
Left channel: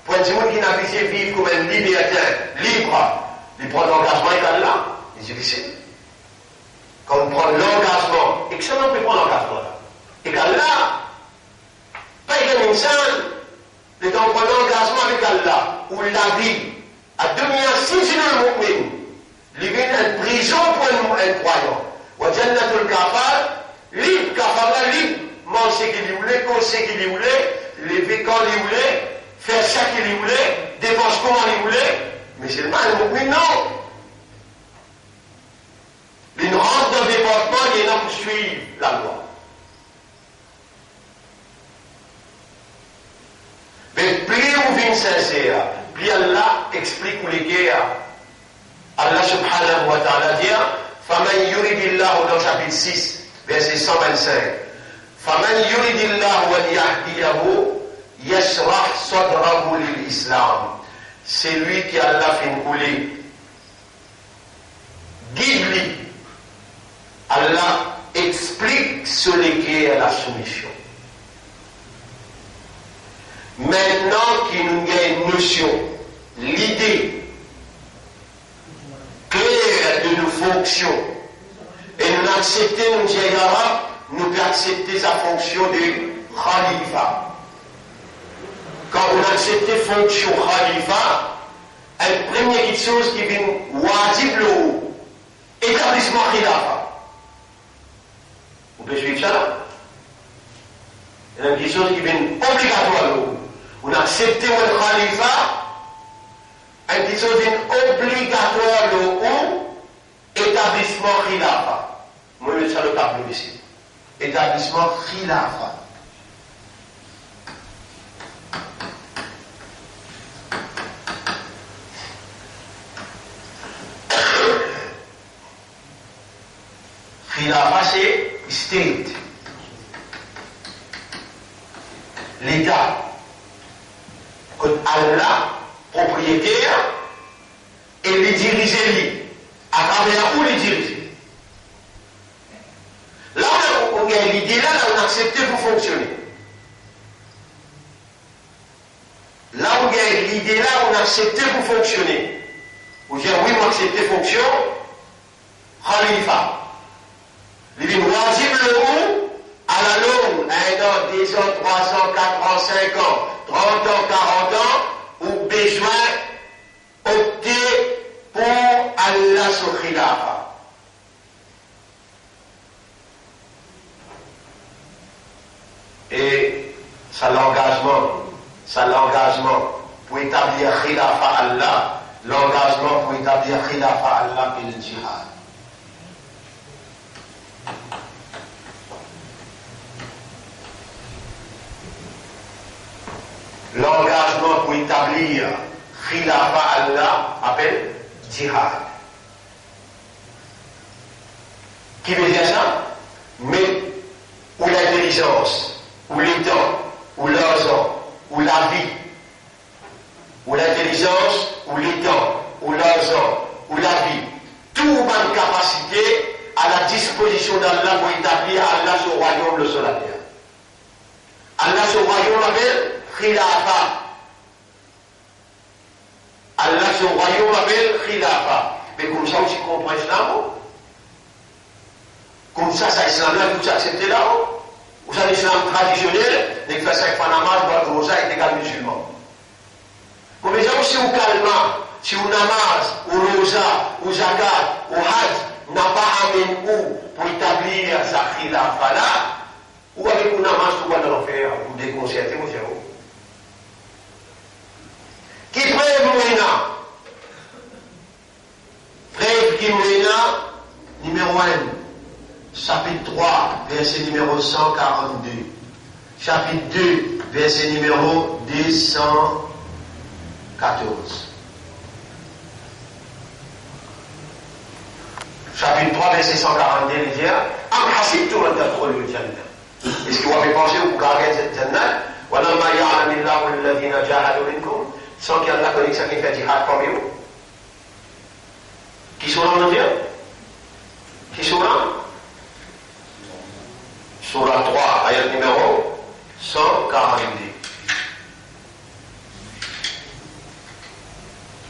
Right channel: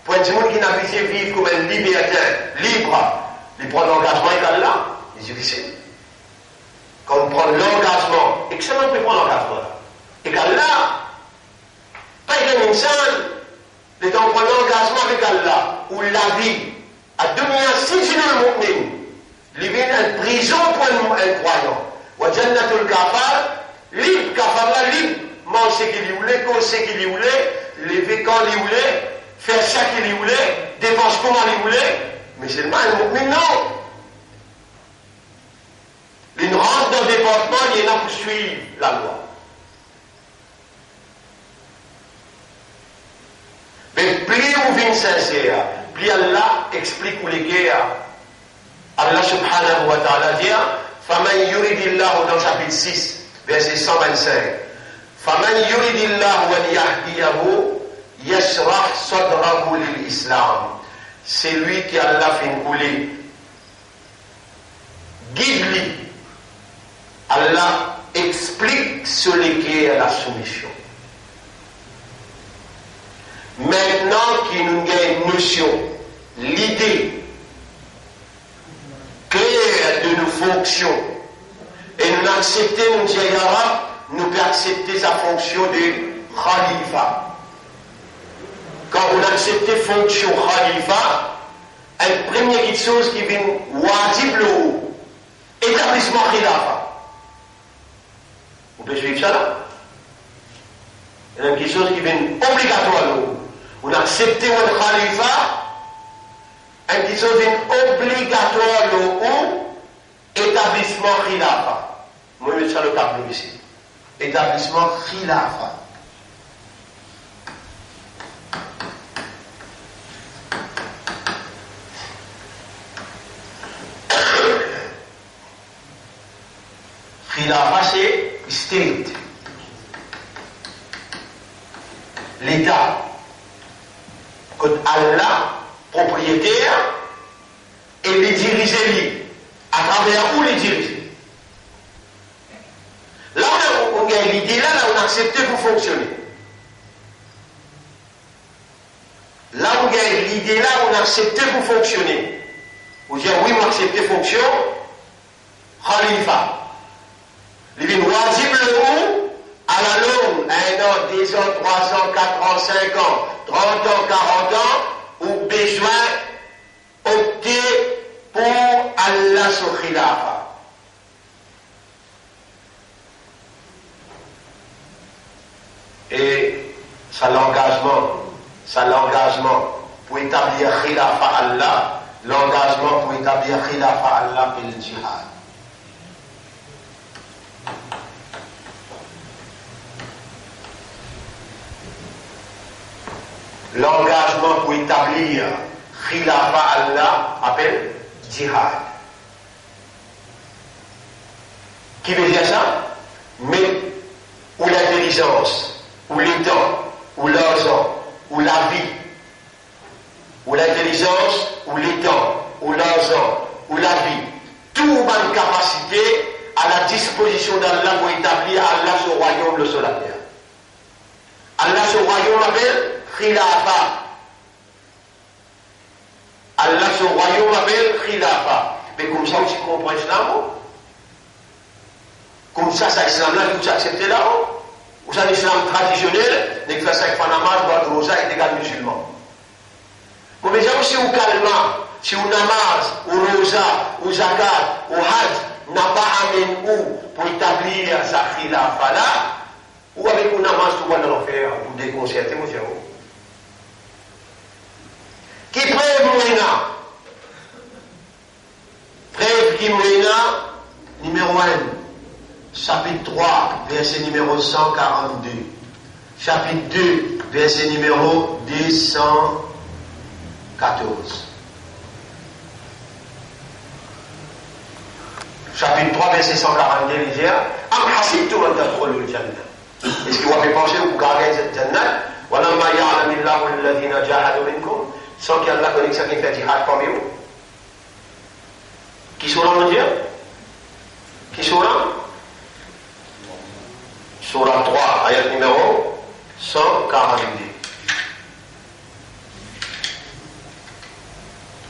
pour un monde qui n'a pas vivre comme un libertin, libre. Il prend l'engagement avec Allah. C'est difficile. Quand on prend l'engagement, et que ça, on peut prendre l'engagement. Et qu'Allah, pas qu'il y a les gens prennent l'engagement avec Allah, ou la vie, à devenir si c'est le mu'min, il vient en prison pour un croyant. Wa jannatul kafar, libre, kafar libre, mange ce qu'il voulait, cause ce qu'il voulait, lever quand il voulait, faire ça qu'il voulait, dépense comment il voulait, mais c'est le mal, le mu'min, non. Il rentre dans le département, il y en a pour suivre la loi. Mais plus on vient sincère, plus Allah explique où les guerres. Allah subhanahu wa ta'ala dit, فَمَنْ يُرِدِ اللَّهُ dans chapitre 6, verset 125. فَمَنْ يُرِدِ اللَّهُ وَلْيَهْدِيَهُ يَشْرَحْ صَدْرَهُ لِلْإِسْلَامِ. c'est lui qui a fait couler. Guide-lui. Allah explique ce qui est la soumission. Maintenant qu'il nous a une notion, l'idée claire de nos fonctions, et nous acceptons, nous disons arabe, nous pouvons accepter sa fonction de khalifa. Quand on accepte la fonction khalifa, la première chose qui vient wajib le établissement khilafa. Vous pouvez suivre ça là? Il y a quelque chose qui vient obligatoire. On accepte le khalifa, il y a quelque chose qui vient obligatoire le établissement khilafa. Moi, je vais faire le tableau ici. Établissement khilafa. Khilafa, c'est state. L'État. Quand Allah, propriétaire, et les diriger, à travers où les diriger. Là, on a l'idée, là, on accepte pour fonctionner. Là, on a l'idée, là, on accepte pour fonctionner. Vous dites, oui, on accepte fonction, Khalifa. Il est wajib le mot à la longue, 1 an, 10 ans, 3 ans, 4 ans, 5 ans, 30 ans, 40 ans, ou besoin opter pour Allah sur khilafa. Et ça l'engagement pour établir khilafa Allah, l'engagement pour établir khilafa Allah et le djihad. L'engagement pour établir khilafa Allah appelle djihad. Qui veut dire ça? Mais ou l'intelligence, ou le temps, ou l'argent, ou la vie, ou l'intelligence, ou le temps, ou l'argent, ou la vie, tout une capacité à la disposition d'Allah pour établir Allah sur le royaume le sur la terre. Allah sur le royaume appelle khilafa. Allah sur le royaume appelle khilafa. Mais comme ça, tu comprends l'islam? Comme ça, c'est l'islam là, tout accepté là-haut. Ou ça, l'islam traditionnel, n'est que faire 5 Panama, boire de rosa est égal musulman. Bon, mais ça aussi, au calme, si on namaz, au rosa, au zakat, au hajj, n'a pas amené où pour établir sa khilafa là, ou avec un namaz, tout va dans l'enfer, pour déconcerter, mon frère. Qui prête Moïna? Prête qui Moïna, numéro 1, chapitre 3, verset numéro 142. Chapitre 2, verset numéro 214. Chapitre 3, verset 142, il dit Am hasibtum an tadkhulul jannah. Est-ce que vous avez pensé que vous gagnez cette jannah? Walamma ya'lamillahu alladhina jahadu minkum. Sans qu'il y ait la connexion qui fait djihad comme vous. Qui sont là, mon Dieu? Qui sont là? Surah 3, ayat numéro 142.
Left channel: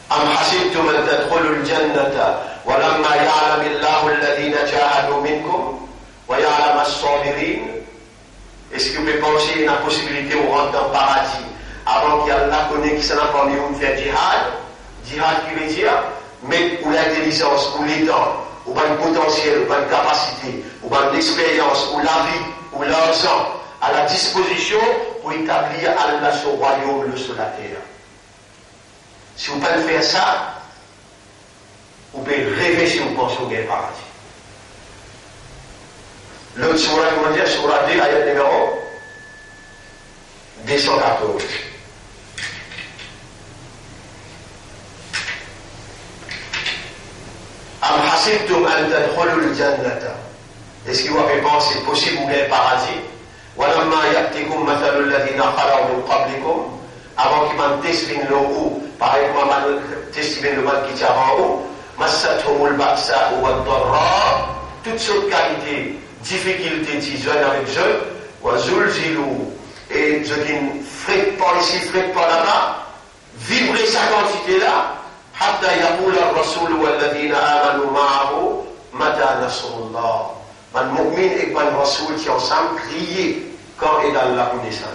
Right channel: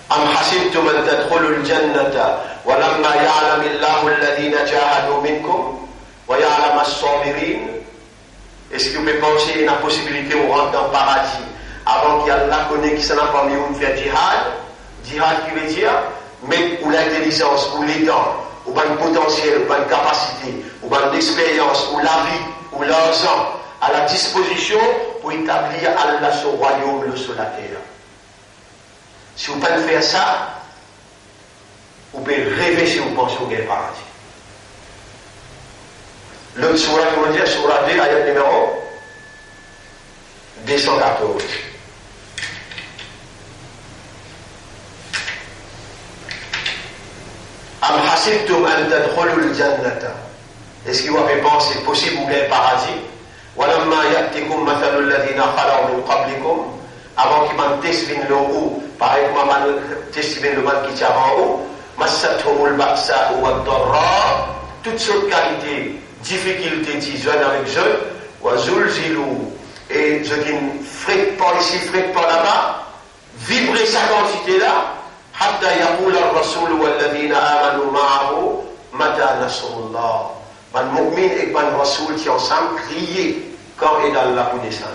Am hasibtum an tadkhulul jannata walamma ya'lamillahu alladhina jahadu minkum wa ya'lam as-sabirin. Est-ce que vous pouvez penser qu'il y a une possibilité de rentrer dans le paradis avant qu'il y ait la connexion parmi vous faire djihad? Djihad qui veut dire mettre ou l'intelligence, ou les dents, ou bien le potentiel, ou bien une capacité, ou bien l'expérience, ou la vie, ou l'argent à la disposition pour établir Allah sur le royaume, le sur la terre. Si vous pouvez faire ça, vous pouvez rêver si vous pensez au paradis. L'autre surah, comment dire, surah 2, ayat numéro 214. Am hasibtum an tadkhulul jannata. Est-ce que vous avez pensé possible ou bien paradis? Walamma ya'tikum mathalul ladhina khalaw min qablikum. Avant qu'il m'en teste l'eau par exemple, testament le mal qui tient en haut, Massathumul Baksa ou Ad-Darra, toutes sortes de qualités, difficultés, jeunes avec jeunes, ou Zulzilou, et ce qui ne frette pas ici, frette pas là-bas, vibrer sa quantité là, حتى يقول الرسول والذين آمنوا معه متى نصر الله. Man mu'min et man rasoul qui ensemble crier quand est Allah pour descendre.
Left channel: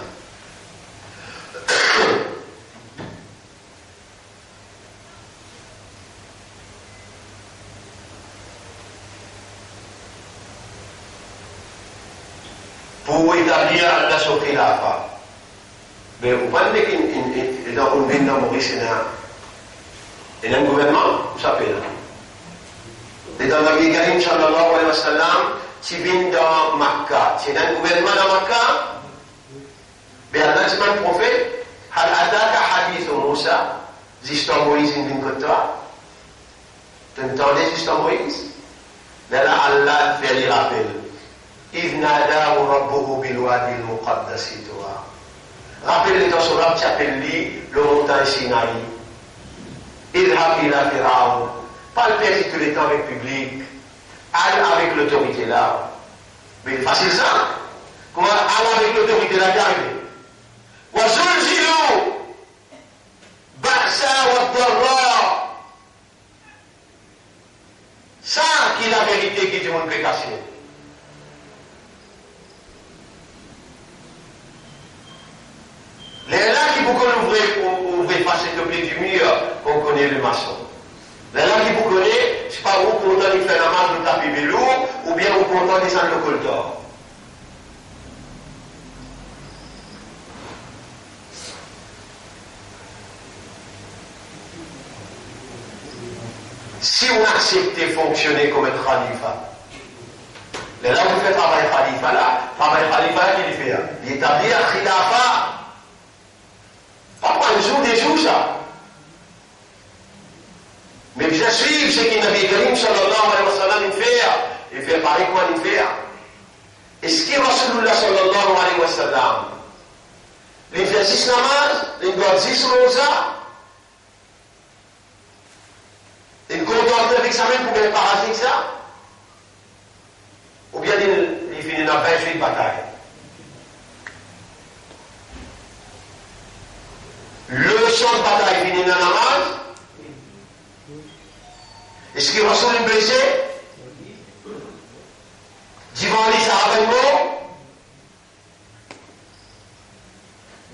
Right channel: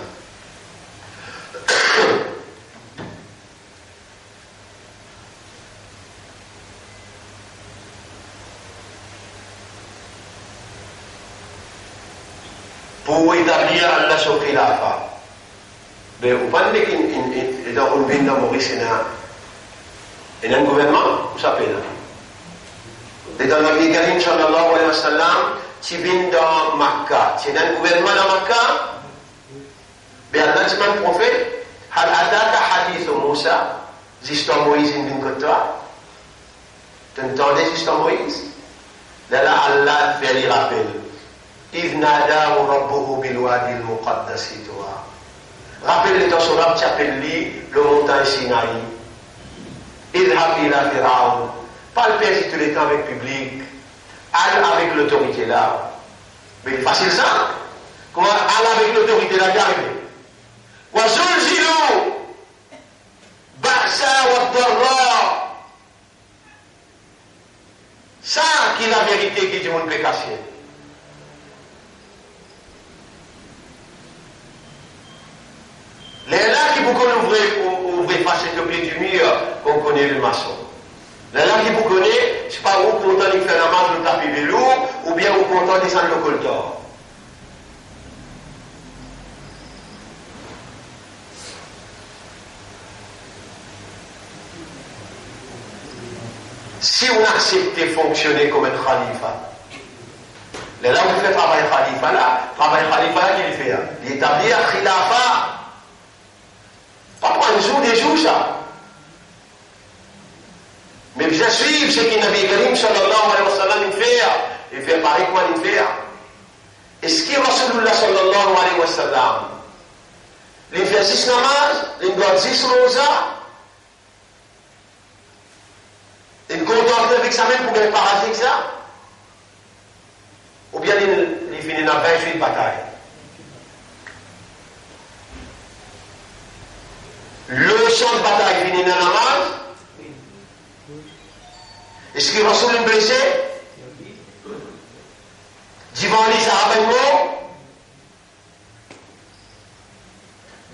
Pour établir Allah sur Khilafa. Mais vous parlez qu'il dans un pays dans Maurice, il y a un gouvernement, vous savez là. Et dans le Nabi Karim sallallahu alayhi wa sallam, qui vient dans Makkah, c'est un gouvernement dans Makkah, mais Allah dit un prophète, Hal ataka hadith Moussa, l'histoire Moïse in d'une côte toi. Tu entendais l'histoire Moïse? Là, Allah fait les rappels. إذ ناداه ربه بالوادي المقدس طوى. Rappelez dans son rap qui appelle le montagne Sinaï. اذهب إلى فرعون. Pas le père si tu l'étends avec public. Allez avec l'autorité là. Mais facile ça. Comment aller avec l'autorité là d'arriver? وزلزلوا بأسا والضراء. Ça qui est la vérité qui dit mon pécaché. Les là qui vous ouvrez passer le blé du mur, on connaît le maçon. Les là qui vous connaît, c'est pas vous content de faire la marche de taper vélo, ou bien vous content de descendre le coltor. Si on accepte de fonctionner comme un khalifa, les là vous faites travail khalifa là, qu'il fait, il établit un khilafa. Pas pour un jour, des jours, ça. Mais bien suivre ce que Nabi Karim sallallahu alayhi wa sallam il fait pareil quoi il fait. Et ce qui est Rasulullah sallallahu alayhi wa sallam, il fait 6 namaz, il doit 10 rosa, il contemple avec sa main pour gagner parasique ça, ou bien il finit dans 28 batailles. Le champ de bataille finit dans la namaz. Est-ce que Rasoul est blessé? Devant les Sahabans,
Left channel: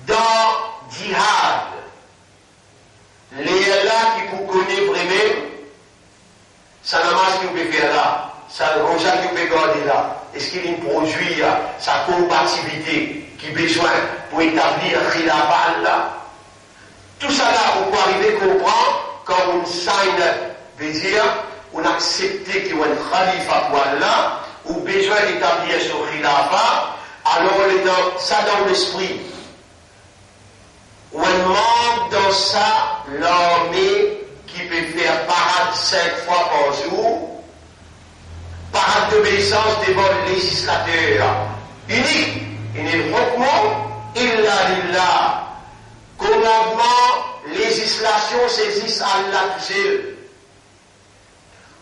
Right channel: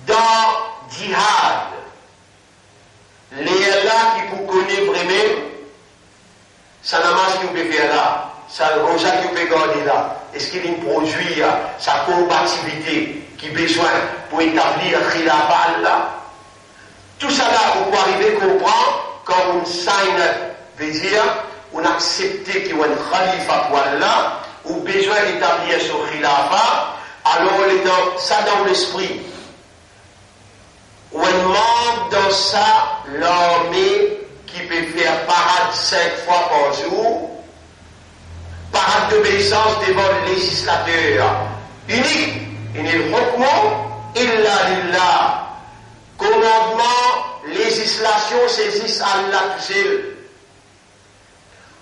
dans Jihad, les là qui vous connaissent vraiment, ça namaz qui vous peut faire là, ça rosa qui vous peut garder là. Est-ce qu'il y a un produit, sa compatibilité qui besoin pour établir un khilafat là? Tout ça là, vous pouvez arriver à comprendre quand on signe, veut dire, on accepte qu'il y a un khalifa pour Allah, ou besoin d'établir ce khilafa, alors on est dans ça dans l'esprit. On manque dans ça l'armée qui peut faire parade 5 fois par jour, parade d'obéissance devant le législateur unique. Il est le hukmu illa lillah. Commandement, législation saisissent Allah tout seul.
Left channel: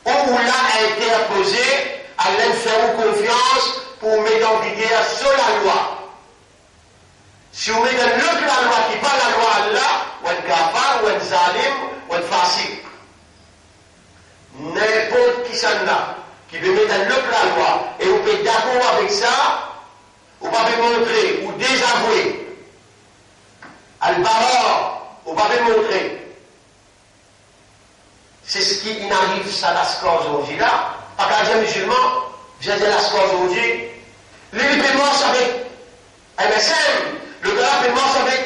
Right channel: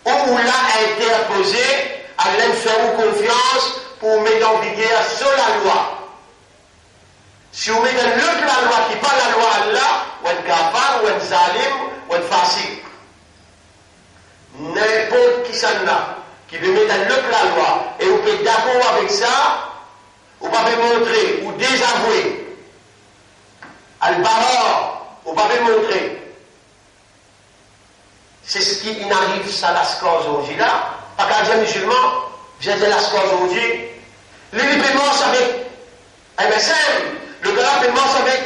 Ou l'a interposé, Allah fait confiance pour mettre en vigueur sur la loi. Si vous mettez la loi qui pas la loi Allah, ou un kafar, ou un zalim, ou un fasik. N'importe qui s'en a, qui veut mettre la loi, et vous êtes d'accord avec ça, vous pouvez montrer ou désavouer. Al-Bara, on va bien montrer. C'est ce qui n'arrive à l'ascor aujourd'hui là. Pas qu'un musulman, j'ai de l'ascor aujourd'hui. Les paiements avec MSM, le gars paiement avec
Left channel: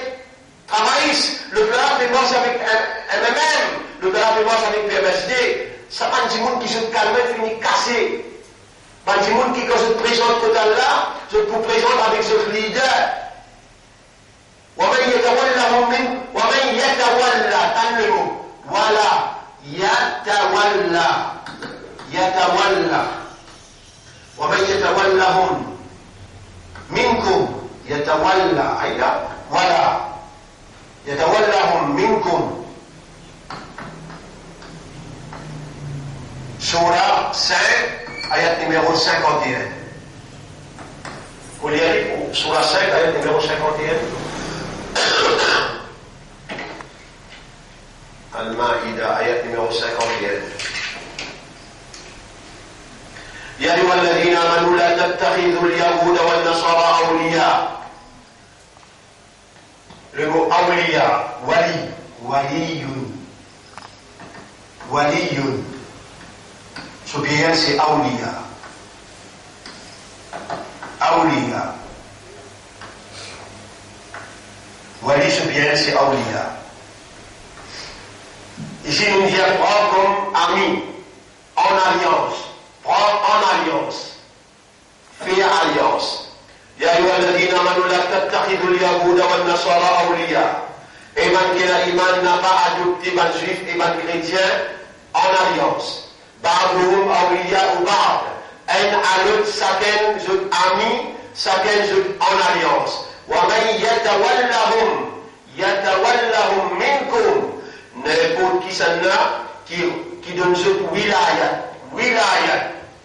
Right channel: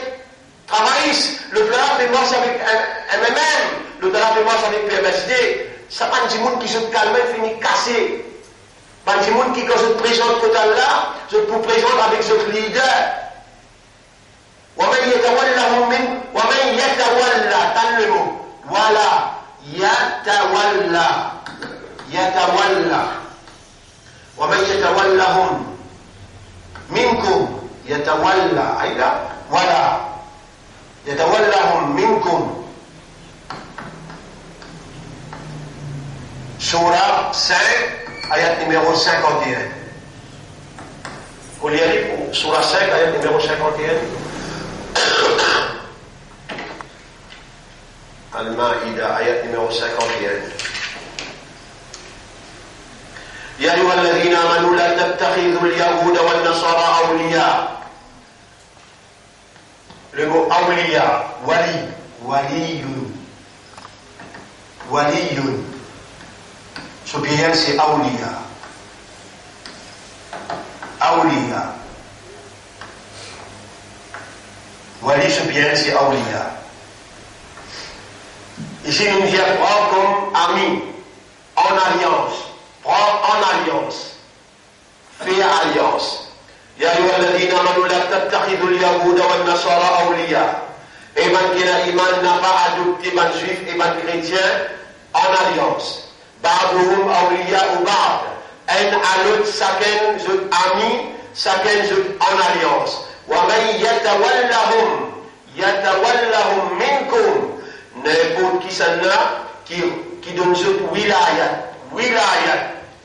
Travaillis, le gars paiement avec MMM, le gars paiement avec PMSD. Ça pas des gens qui se calment, finissent cassés. Pas des gens qui, quand je te présente côté là, je te présente avec ce leader. ومن يتولى تنمو ولا يتولى ومن يتولهم منكم يتولى أيضا ولا يتولهم منكم Surah 5, ayat numéro 51. Vous lirez pour Surah 5, ayat numéro 51. Al-Ma'ida, ayat numéro 51. يا أيها الذين آمنوا لا تتخذوا اليهود والنصارى أولياء. Le mot awliya, wali, waliyun, waliyun. Ce bien c'est awliya. Awliya. Wali, ce bien c'est awliya. Ici, nous vient prendre comme amis, en alliance, prendre en alliance, faire alliance. يا أيها الذين آمنوا لا تتخذوا اليهود والنصارى أولياء. Et man qui a iman n'a pas adopté man juif et man chrétien en alliance. بعضهم أولياء بعض. Un à l'autre, chacun zut ami, chacun zut en alliance. ومن يتولهم منكم. N'importe qui s'en a qui donne zut wilayat.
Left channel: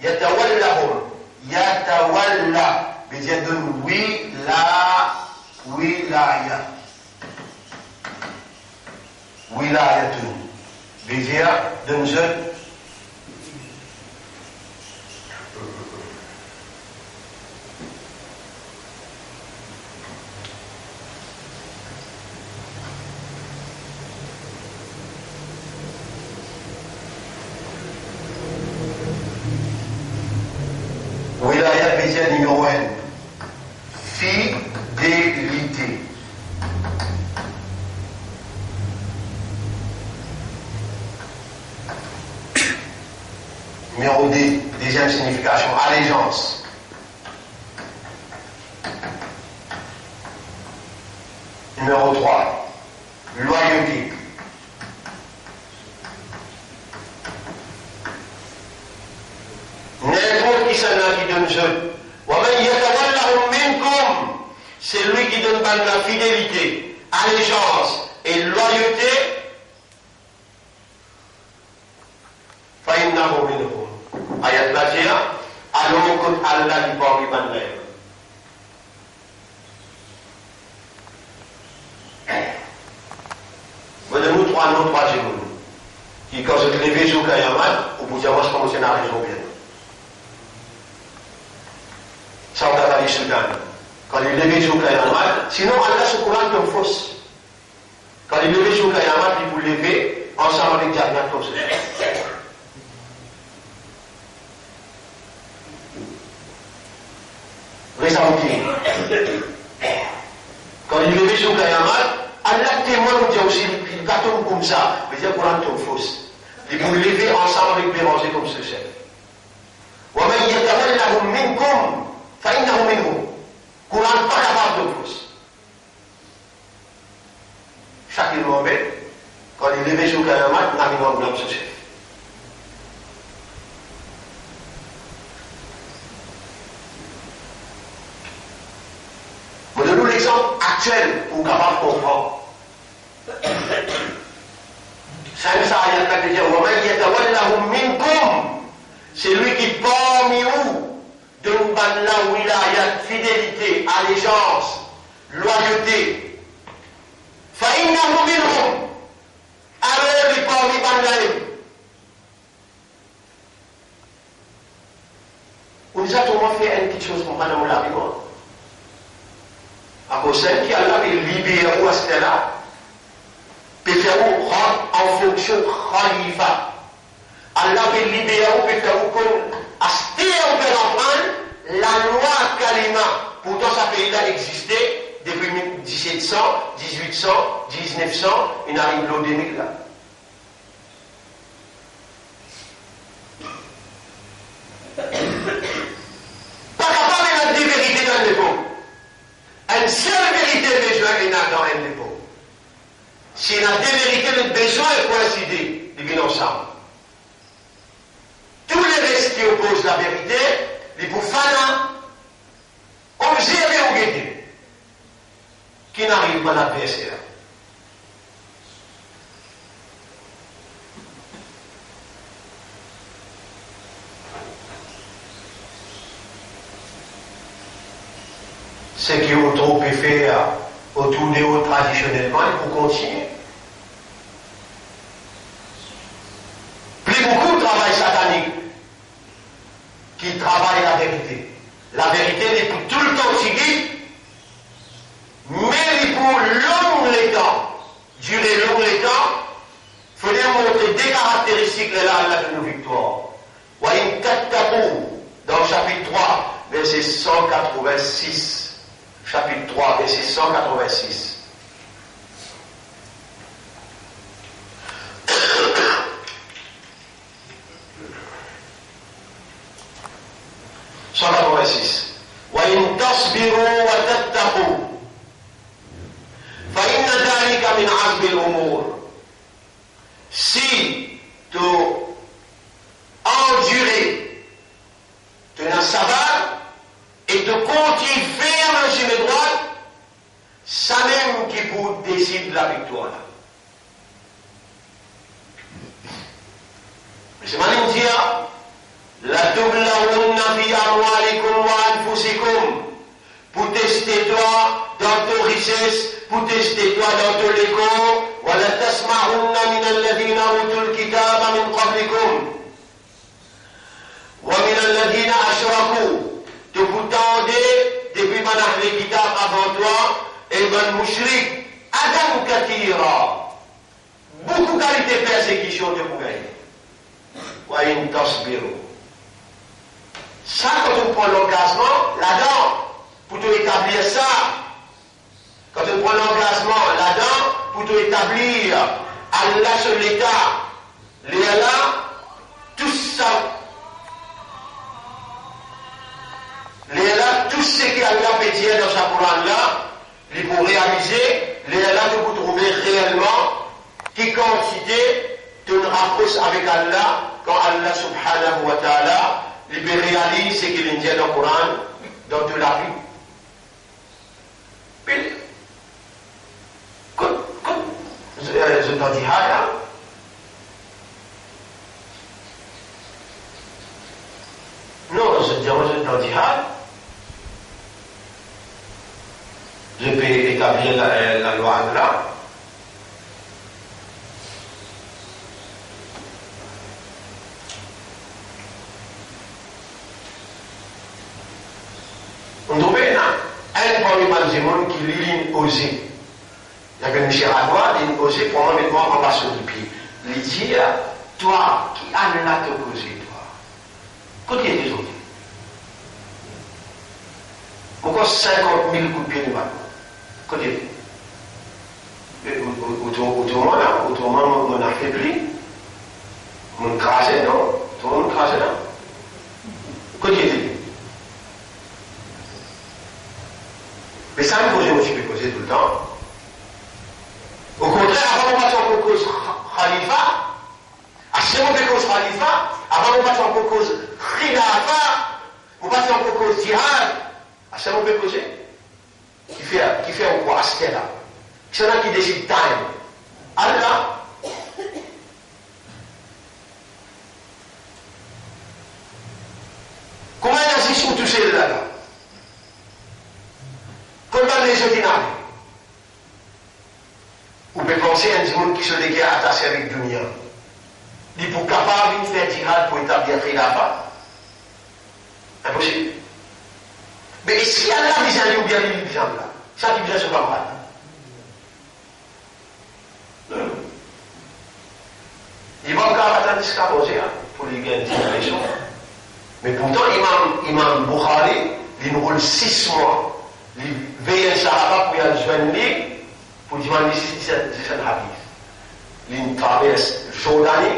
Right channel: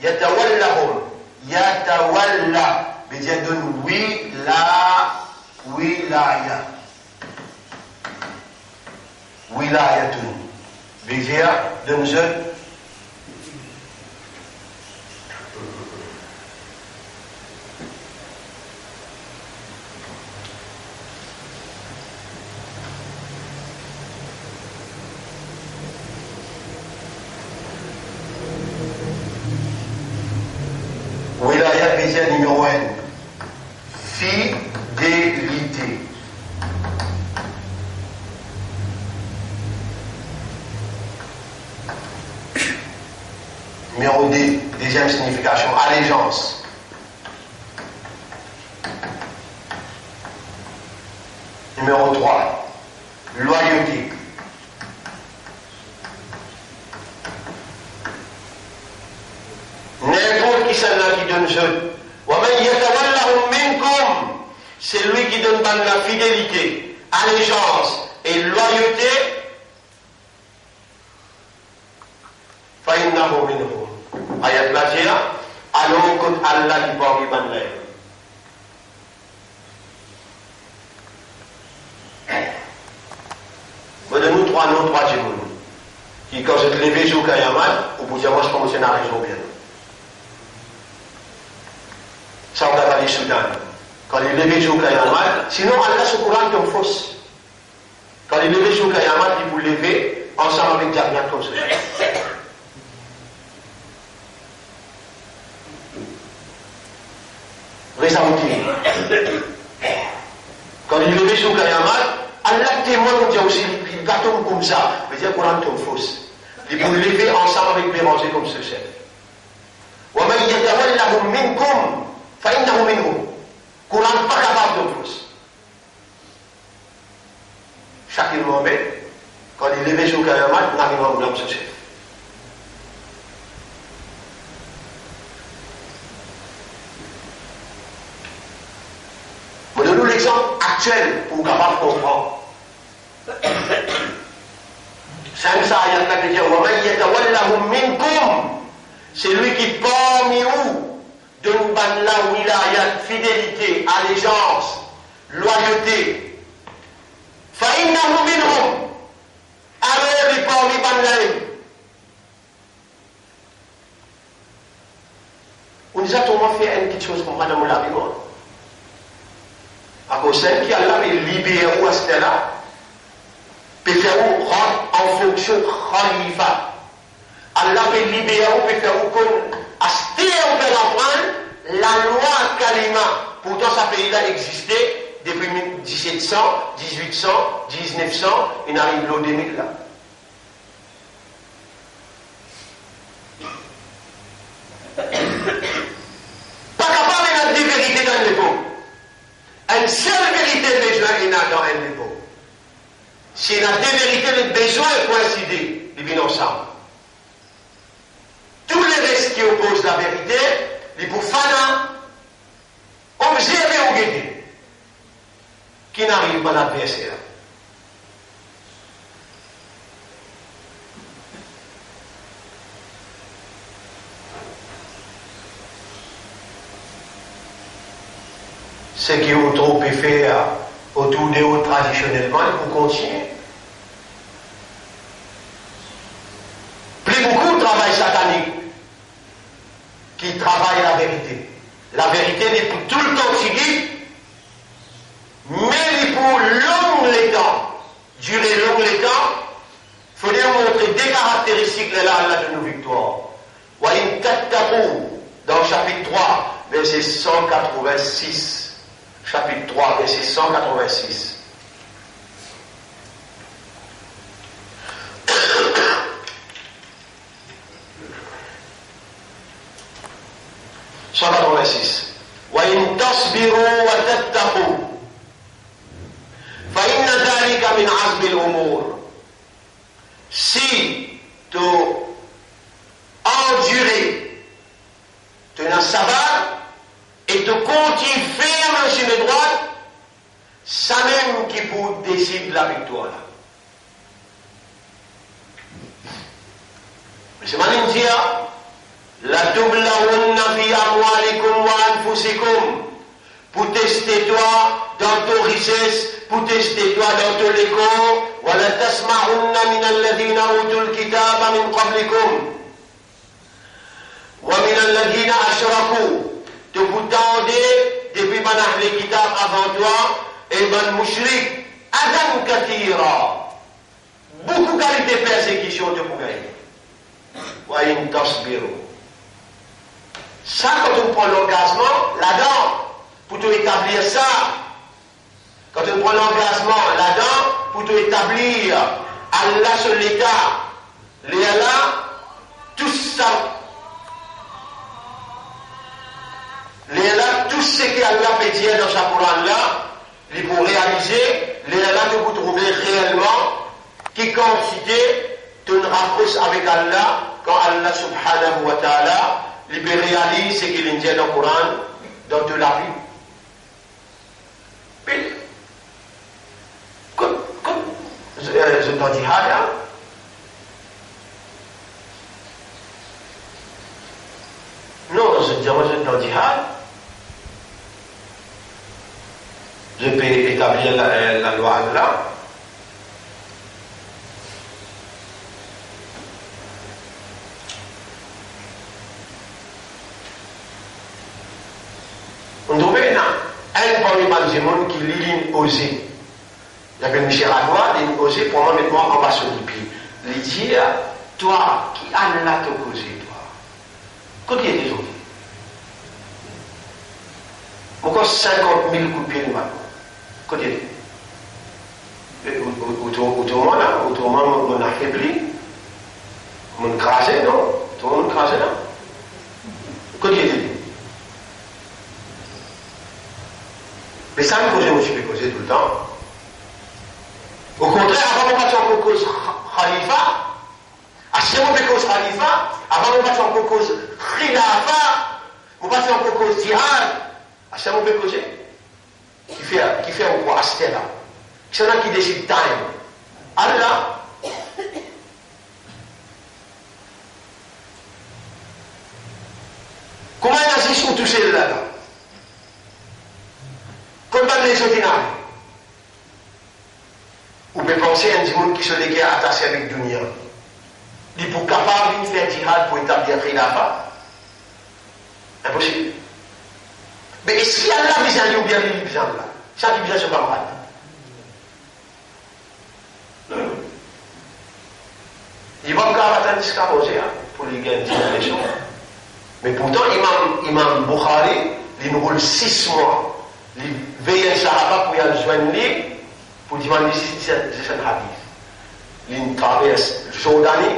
يتولهم. يتولى. Mais Dieu donne wilaya. Wilayatun. Mais Dieu donne wilaya, mais Dieu numéro 1. Fidélité. Numéro 2, deuxième signification, allégeance. Numéro 3, loyauté. N'importe qui s'en a qui donne jeune. C'est lui qui donne par la fidélité, allégeance et loyauté. Faïnnahu minhum. Ayat Bajia, allons contre Allah qui parle ban l'air. Moi, de nous trois gémeaux. Qui, quand je te lève sur Kayaman, au bout de moi, je commence à raison bien. Ça, on va aller Soudan. Quand il lève sur Kayaman, sinon Allah se courant comme fausse. Quand il lève sur Kayaman, il vous lever ensemble avec Jannat comme ceci. Ressentir. Quand il lève sur Kayaman, Allah témoin nous dit aussi, il gâteau comme ça, mais il y a courant comme fausse. Il vous lever ensemble avec Béranger comme ceci. وَمَنْ يَتَوَلَّهُمْ مِنْكُمْ فَإِنَّهُ مِنْهُمْ. Courant pas capable de plus. Chaque moment, quand il lève sur Kayamat, il n'arrive pas à blâmer ce chef. Je donne l'exemple actuel pour capable de comprendre. C'est lui qui parmi vous de nous donne la wilayat, fidélité, allégeance, loyauté. Faïnnahu minhum. Alors il parle banlaim. On nous a toujours fait une petite chose pour Madame Labion. À cause de qui Allah est libéré à ce là, peut faire en fonction de Khalifa. Allah est libéré, peut faire comme on peut l'apprendre, la loi Kalima. Pourtant, ce pays-là existait depuis 1700, 1800, 1900, il arrive l'eau 2000 là. Pas capable de dire vérité dans l'époque. Une seule vérité besoin il y a dans un l'époque. Si il y a deux vérités, le besoin est coïncider, ils viennent ensemble. Tous les restes qui opposent la vérité, les bouffana, observer ou guetter, qui n'arrivent pas à l'adversaire. ce qui est trop fait autour de eux traditionnellement, il faut continuer. Plus beaucoup de travail satanique qui travaille la vérité. La vérité n'est pour tout le temps seguie, mais pour long les temps, durer long les temps, il faut lui montrer des caractéristiques de la de nos victoires. Dans le chapitre 3, verset 186. Chapitre 3, verset 186. وإن تصبروا وتتقوا فإن ذلك من عزم الأمور. Si tu endurer, tu n'as savoir et tu continues ferme sur le droit, ça même qui vous décide la victoire. C'est mal dire. La tublawunna fi amwalikum wa anfusikum. Pour tester toi dans ton richesse, pour tester toi dans ton école. Wa la tasma'unna min alladhina utul kitaba min qablikum. Wa min alladhina ashraku. Tu vous tendez depuis manah les kitab avant toi et man mushrik. Adam katira. Beaucoup qualité persécution de vous-même. Wa in tasbiru. Ça, quand on prend l'engagement, là-dedans, pour te établir ça, quand on prend l'engagement là-dedans, pour te établir Allah sur l'état, là, tout ça, là, tout ce qu'Allah peut dire dans sa Coran là, il faut réaliser, là que vous trouvez réellement, qui quantité te rapproche avec Allah, quand Allah subhanahu wa ta'ala, il réalise ce qu'il dit dans le Coran, dans toute la vie. Puis, comme je t'en dis, non, je t'en dis, je peux établir la loi Allah. On trouvait un parmi les gens qui lit osé. Il y avait Michel Radois, il osé pour moi mettre en bas sur le pied. Il dit, toi, qui a là te osé, toi? Qu'est-ce qu'il y a des autres? Pourquoi 50 000 coups de pied de matin? Qu'est-ce qu'il y a? Autrement, on a affaibli. On crasé, non? Tout le monde crasé, non? Qu'est-ce qu'il y a? Mais ça, je me suis posé tout le temps. Au contraire, avant de passer en cause Khalifa, à ce moment de cause Khalifa, avant de passer en cause Khilafa, on passe en cause Jihad, à ce moment de cause qui fait un quoi à ce là. C'est là qui décide time. Allah. Comment il agit sur tout cela là? Condamner les ordinaires. Ou peut penser à un monde qui se déguerre attaché avec Dunia. Il est capable de faire jihad pour établir Khilafa. Impossible. Mais si Allah a besoin ou bien il a besoin là, ça qui besoin c'est pas mal. Non. Il va encore attendre jusqu'à manger pour lui gagner une élection. Mais pourtant, Imam Bukhari, il nous roule 6 mois. Il veille un Sahaba pour y aller joindre lui, pour demander si c'est un hadith. Il traverse le Jordanie,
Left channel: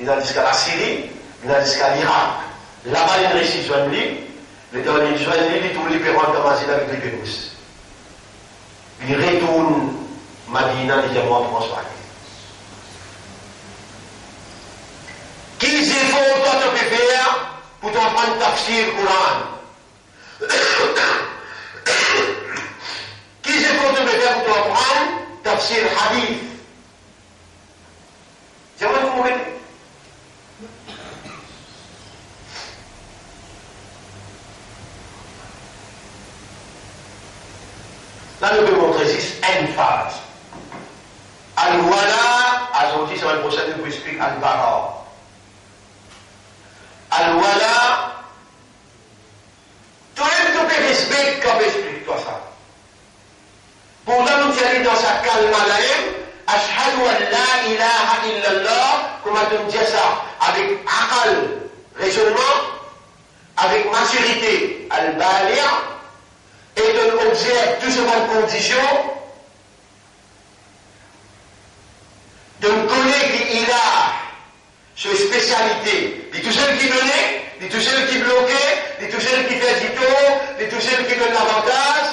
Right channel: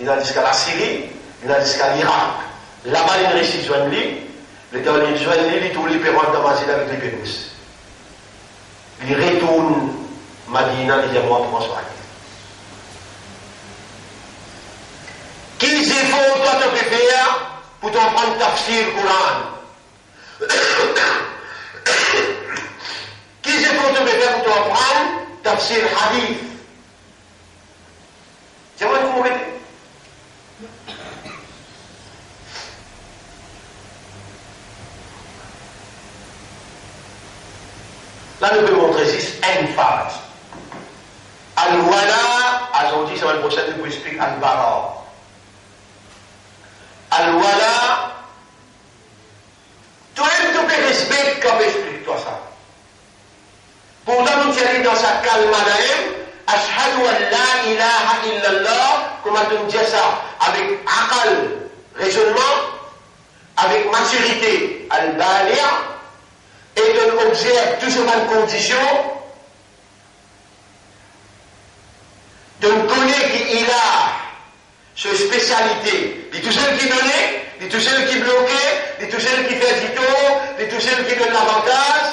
il a jusqu'à la Syrie, il a jusqu'à l'Irak. Là-bas, il réussit à joindre lui. Le temps il joint lui, il trouve les pérons de Mazina avec les Pérousses. Il retourne Madina, il dit à moi pour m'en Quels efforts toi tu peux faire pour t'en prendre tafsir Coran? Quels efforts tu peux faire pour t'en prendre tafsir hadith? J'aimerais vous m'aider. Là, nous pouvons montrer ici une phase. Al-Wala, aujourd'hui, semaine prochaine, nous pouvons expliquer Al-Bara. Al-Wala, toi, tu peux respecter comme explique-toi ça. Pourtant, nous sommes dans sa calme à Ashhadu an la ilaha illallah, comment tu me dis ça? Avec aqal, raisonnement, avec maturité, al-bali'a, et on observe tout ce mal conditions, de connaître qu'il a ce spécialité, de tout celui qui donnait, de tout celui qui bloquait, de tout celui qui fait du tort, de tout celui qui donne l'avantage.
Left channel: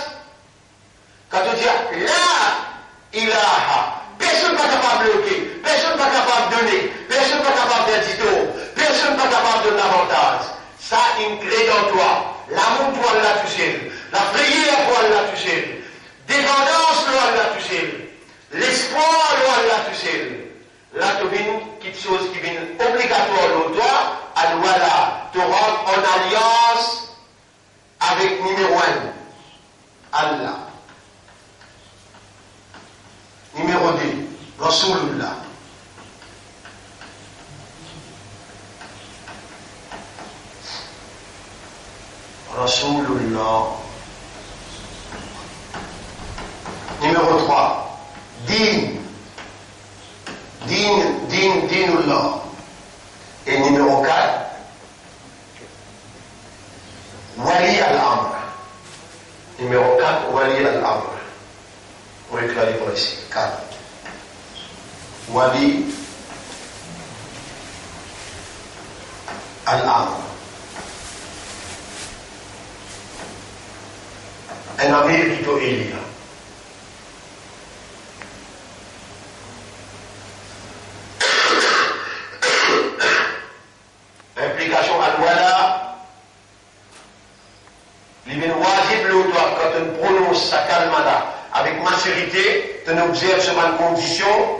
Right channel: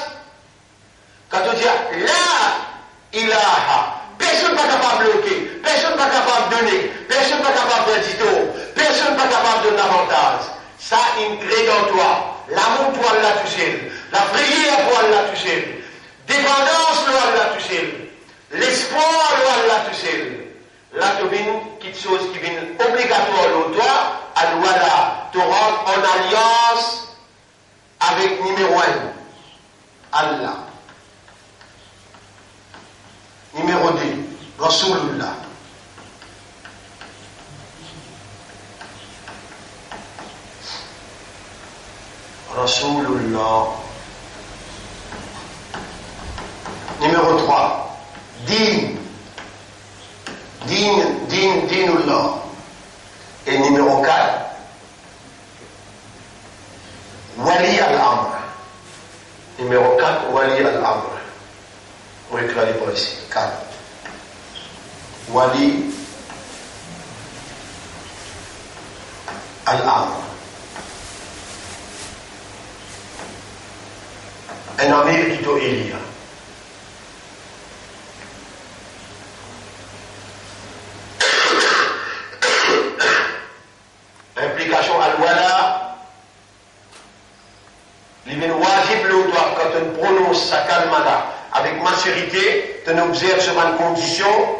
Quand on dit là, ilaha, personne n'est pas capable de bloquer, personne n'est pas capable de donner, personne n'est pas capable de faire du tort, personne n'est pas capable de donner l'avantage. Ça, il crée dans toi. L'amour pour Allah tout seul. La prière pour Allah tout seul. Dépendance pour Allah tout seul. L'espoir pour Allah tout seul. Là, tu viens quelque chose qui vient obligatoire pour toi, à voilà, te rendre en alliance avec numéro 1, Allah. Numéro 2, Rasulullah. Rasulullah. Numéro 3, Dinullah. Et numéro 4, Wali al-Amr. Numéro 4, Wali al-Amr. On va écrire pour ici. 4. Wali al-Amr. Un ami qui doit élire. Implication al-Wala. Il est wajib le droit quand on prononce sa kalmala avec maturité, on observe sur une condition.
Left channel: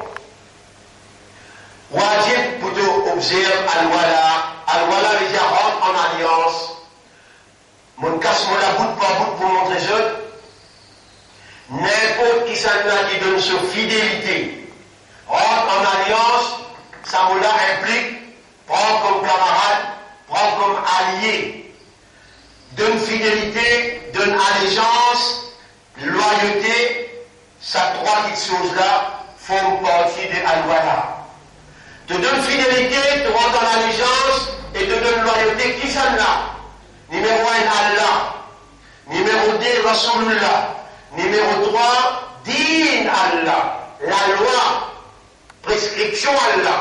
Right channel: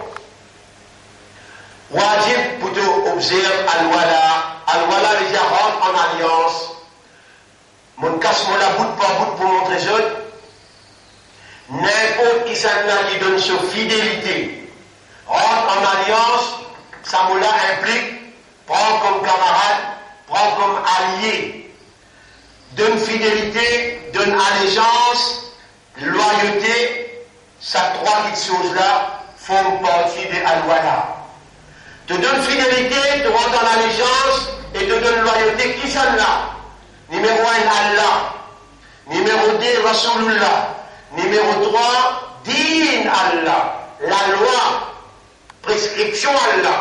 Wajib pour observer al-Wala. Al-Wala veut dire rendre en alliance. Mon casse mon la bout par bout pour montrer ça. N'importe qui s'en qui donne sa fidélité, rentre en alliance, ça me implique, prend comme camarade, prend comme allié, donne fidélité, donne allégeance, loyauté, ces trois petites choses-là font partie de Al-Wala. Te donne fidélité, te rentre en allégeance et te donne loyauté, qui s'en là? Numéro 1, Allah. Numéro 2, Rasulullah. Numéro 3, Din Allah. La loi. Prescription Allah.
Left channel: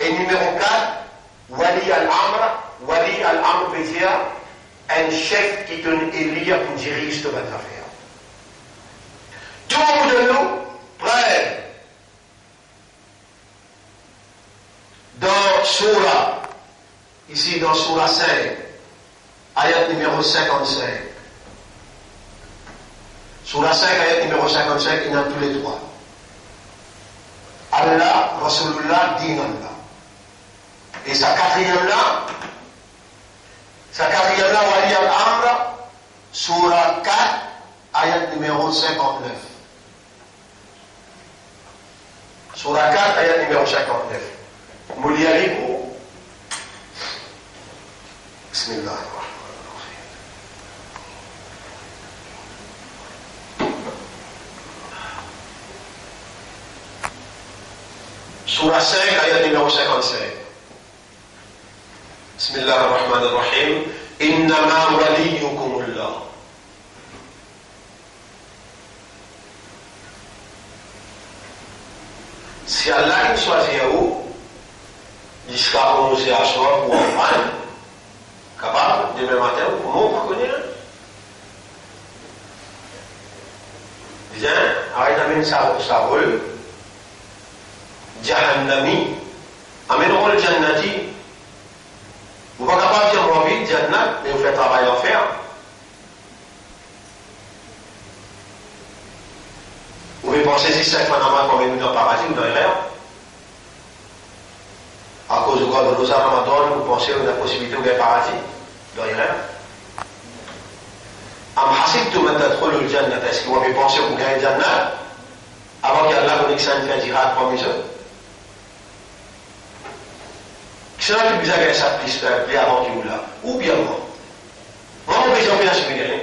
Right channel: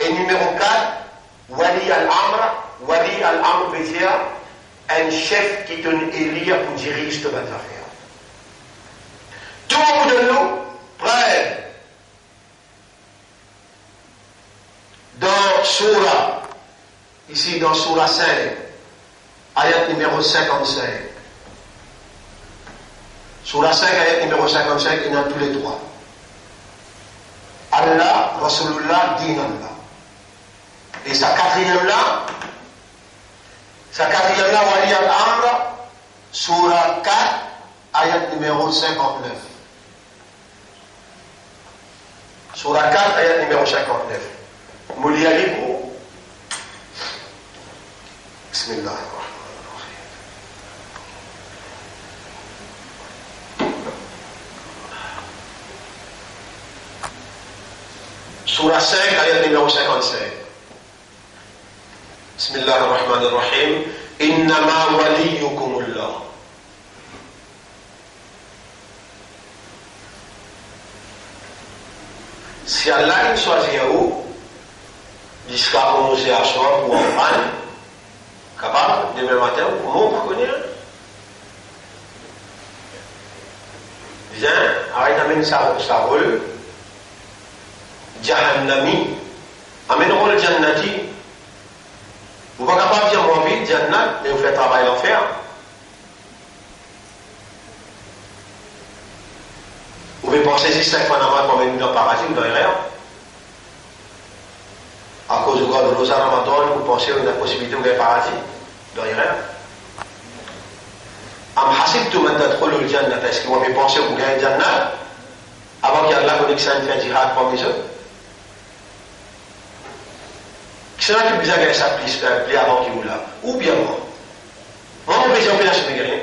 Et numéro 4, Wali al-Amr. Wali al-Amr veut dire un chef qui donne élire pour diriger cette affaire. Tout le monde de nous, prêt. Dans Surah, ici dans Surah 5, ayat numéro 55. Surah 5, ayat numéro 55, il y en a tous les trois. Allah, Rasulullah, Din Allah. Et sa quatrième là, Wali al-Amr, Surah 4, ayat numéro 59. Surah 4, ayat numéro 59. Mouli Alibou. Bismillah. Surah 5, ayat numéro 55. Bismillah ar-Rahman ar-Rahim. Innama waliyukumullah. Si Allah il choisit où, jusqu'à 11 à soir pour en prendre, capable, demain matin, comment on connaît? Viens, arrête d'amener sa rue. Jahannami, amèneront le Jannati. Vous n'êtes pas capable de dire mon vie, Jannat, mais vous faites travail à faire. Vous pouvez penser si 5 manamats qu'on met dans le paradis ou dans les rêves. À cause de quoi de nos Ramadan, vous pensez à la possibilité de le paradis dans les rêves. Am hasibtum an tadkhulul jannah, est-ce que vous avez pensé que vous gagnez le Jannah avant qu'Allah vous dise une jihad parmi eux? Qui sera qui vous a gagné ça plus avant qu'il vous l'a? Ou bien moi? Moi, mon président, je suis rien.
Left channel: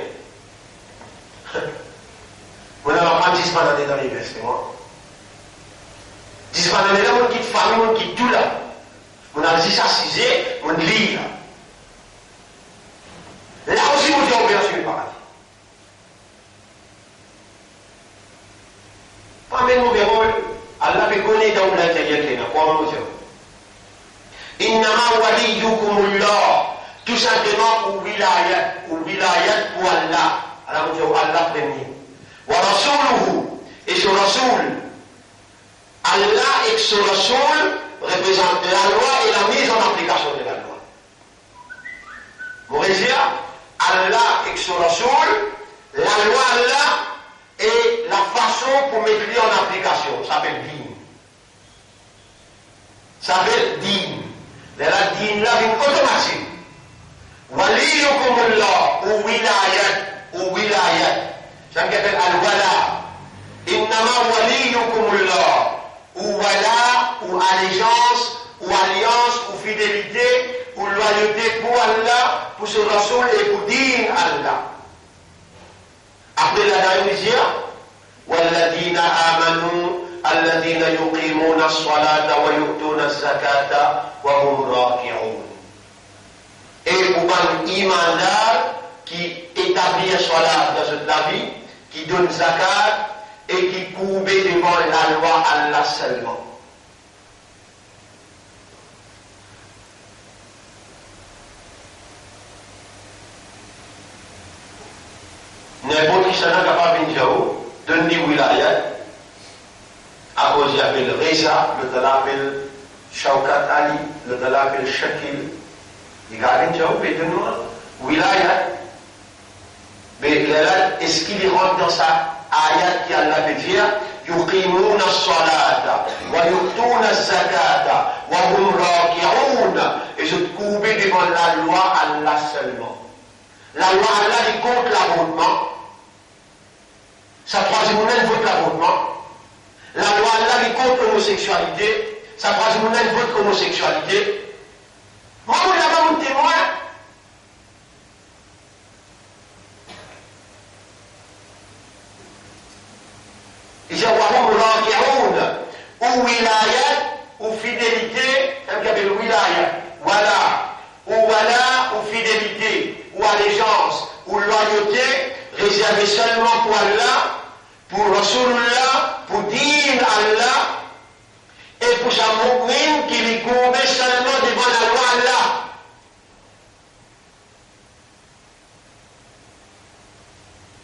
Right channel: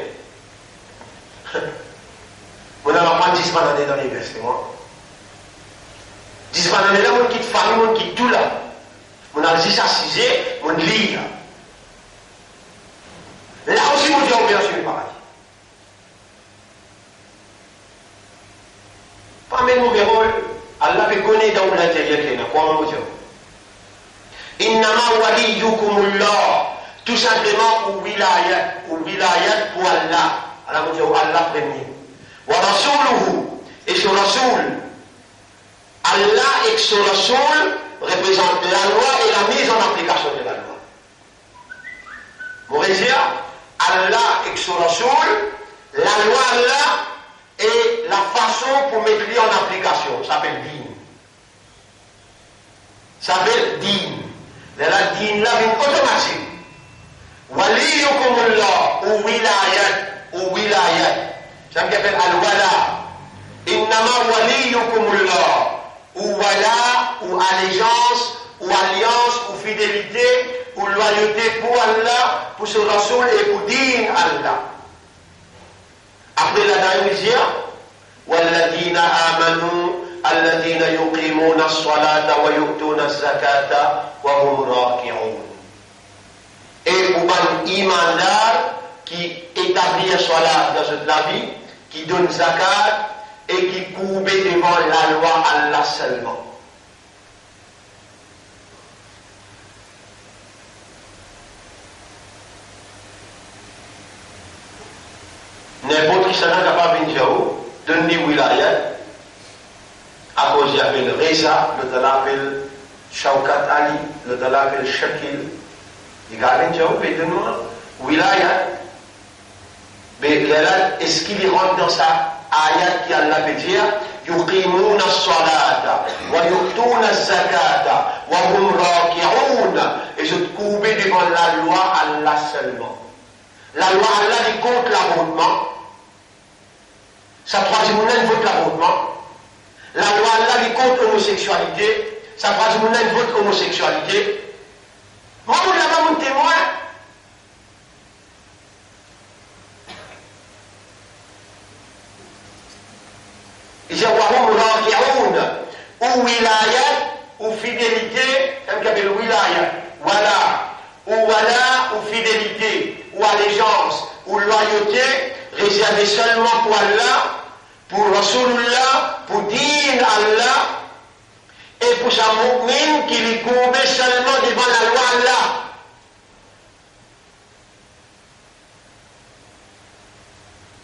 On a pas 10 années dans l'université, moi. 10 années là, on quitte famille, on quitte tout là. On a 10 assisés, on lit là. Là aussi, on dit on vient sur le paradis. Pas même mon verrou, Allah fait connaître dans l'intérieur qui est là. Quoi, mon Dieu? Innama waliyukumullah. Tout simplement, ou wilayat pour Allah. Alors, on dit Allah premier. Wa rasuluhu. Et son Rasoul. Allah et son Rasoul représentent la loi et la mise en application de la loi. Vous voyez, Allah et son Rasoul, la loi Allah et la façon pour mettre en application. Ça s'appelle din. Ça s'appelle din. La din là vient automatique. Waliyukumullah ou wilayat. Ça veut dire al-wala. Innama waliyukumullah. Ou wala, ou allégeance, ou alliance, ou fidélité, ou loyauté pour Allah, pour ce Rasoul et pour din Allah. Après la dernière, وَالَّذِينَ آمَنُوا الَّذِينَ يُقِيمُونَ الصَّلَاةَ وَيُؤْتُونَ الزَّكَاةَ وَهُمْ رَاكِعُونَ. Et pour un imandar qui établit la salat dans cette vie, qui donne zakat et qui court devant la loi Allah seulement. N'importe qui s'en a capable de dire, donne des wilayat, à cause il appelle Reza, le talent appelle Shaukat Ali, le talent appelle Shakil. Il y a un job, mais de nous, wilayat. Mais là, est-ce qu'il rentre dans sa ayat qui Allah veut dire, يقيمون الصلاة ويؤتون الزكاة وهم راكعون, et je te coupe devant la loi Allah seulement. La loi Allah dit contre l'avortement. Sa troisième monnaie vote l'avortement. La loi Allah dit contre l'homosexualité. Sa troisième monnaie vote l'homosexualité. Moi, vous l'avez mon témoin. Il dit wahum raki'oun, ou wilayat, ou fidélité, comme qu'il y avait le wilayat, wala, ou fidélité, ou allégeance, ou loyauté, réservée seulement pour Allah, pour Rasulullah, pour din Allah, et pour sa mu'min qui lui courbait seulement devant la loi Allah.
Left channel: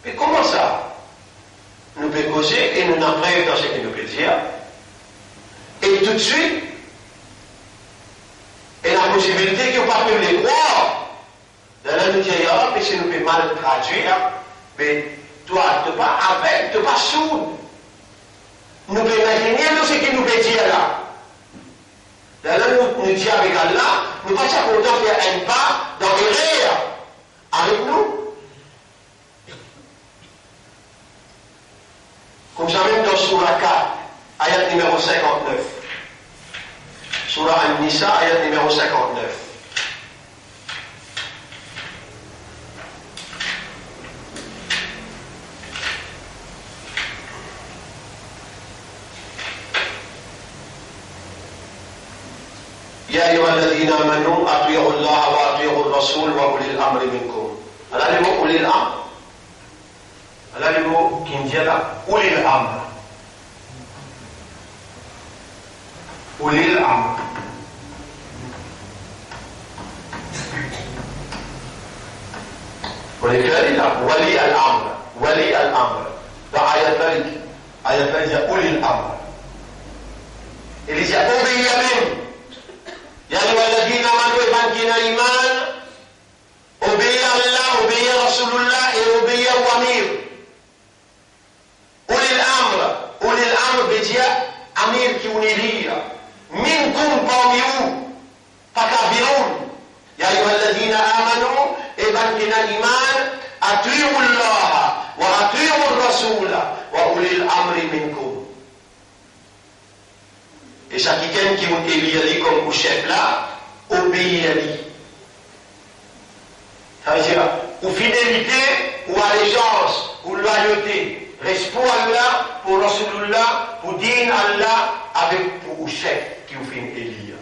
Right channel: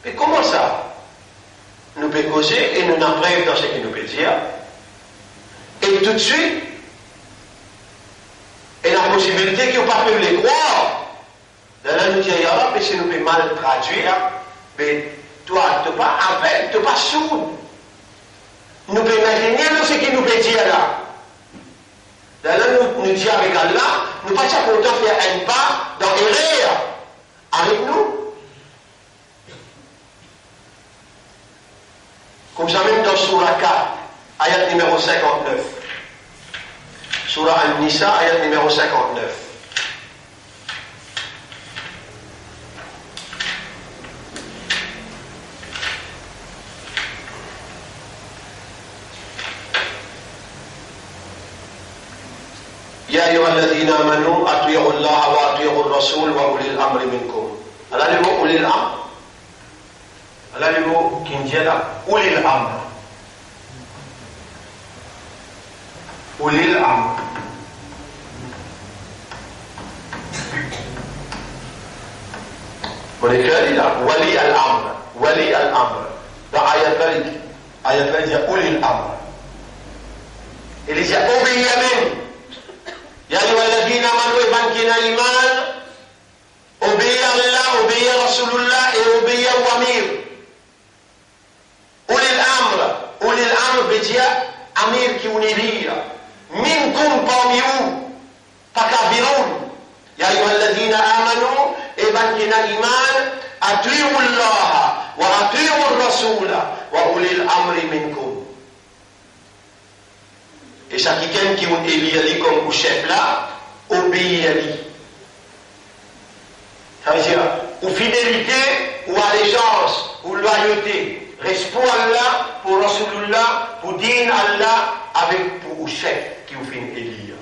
Mais comment ça? Nous pouvons causer et nous n'en rêvons dans ce qu'il nous peut dire. Et tout de suite, et la possibilité qu'ils n'ont pas pu les croire. Dans la nous dit, mais si nous pouvons mal traduire, mais toi, tu n'es pas avec, tu n'es pas sourd. Nous pouvons imaginer ce qu'il nous peut dire là. Dans la nous dit avec Allah, nous ne sommes pas contents de faire un pas dans l'erreur avec nous. Comme ça même dans Surah 4, ayat numéro 59. Surah Al-Nisa, ayat numéro 59. يا أيها الذين آمنوا أطيعوا الله وأطيعوا الرسول وأولي الأمر منكم. هذا هو أولي الأمر. هذا هو كنجلا أولي الأمر. أولي الأمر. ولذلك ولي الأمر. ولي الأمر. ده آية ذلك أولي الأمر. اللي جاءوا باليمين. يا أيها الذين آمنوا بانكنا إيمان أبي الله أبي رسول الله أبي وأمير أولي الأمر بجاء أمير كونيلية منكم قوميون فكبرون يا أيها الذين آمنوا بانكنا إيمان أطيعوا الله وأطيعوا الرسول وأولي الأمر منكم. Et chacun qui vous élit comme chef là, obéit à lui. Ça veut dire, ou fidélité, ou allégeance, ou loyauté. Reste pour Allah, pour Rasulullah, pour dire Allah, avec pour le chef qui vous fait élire.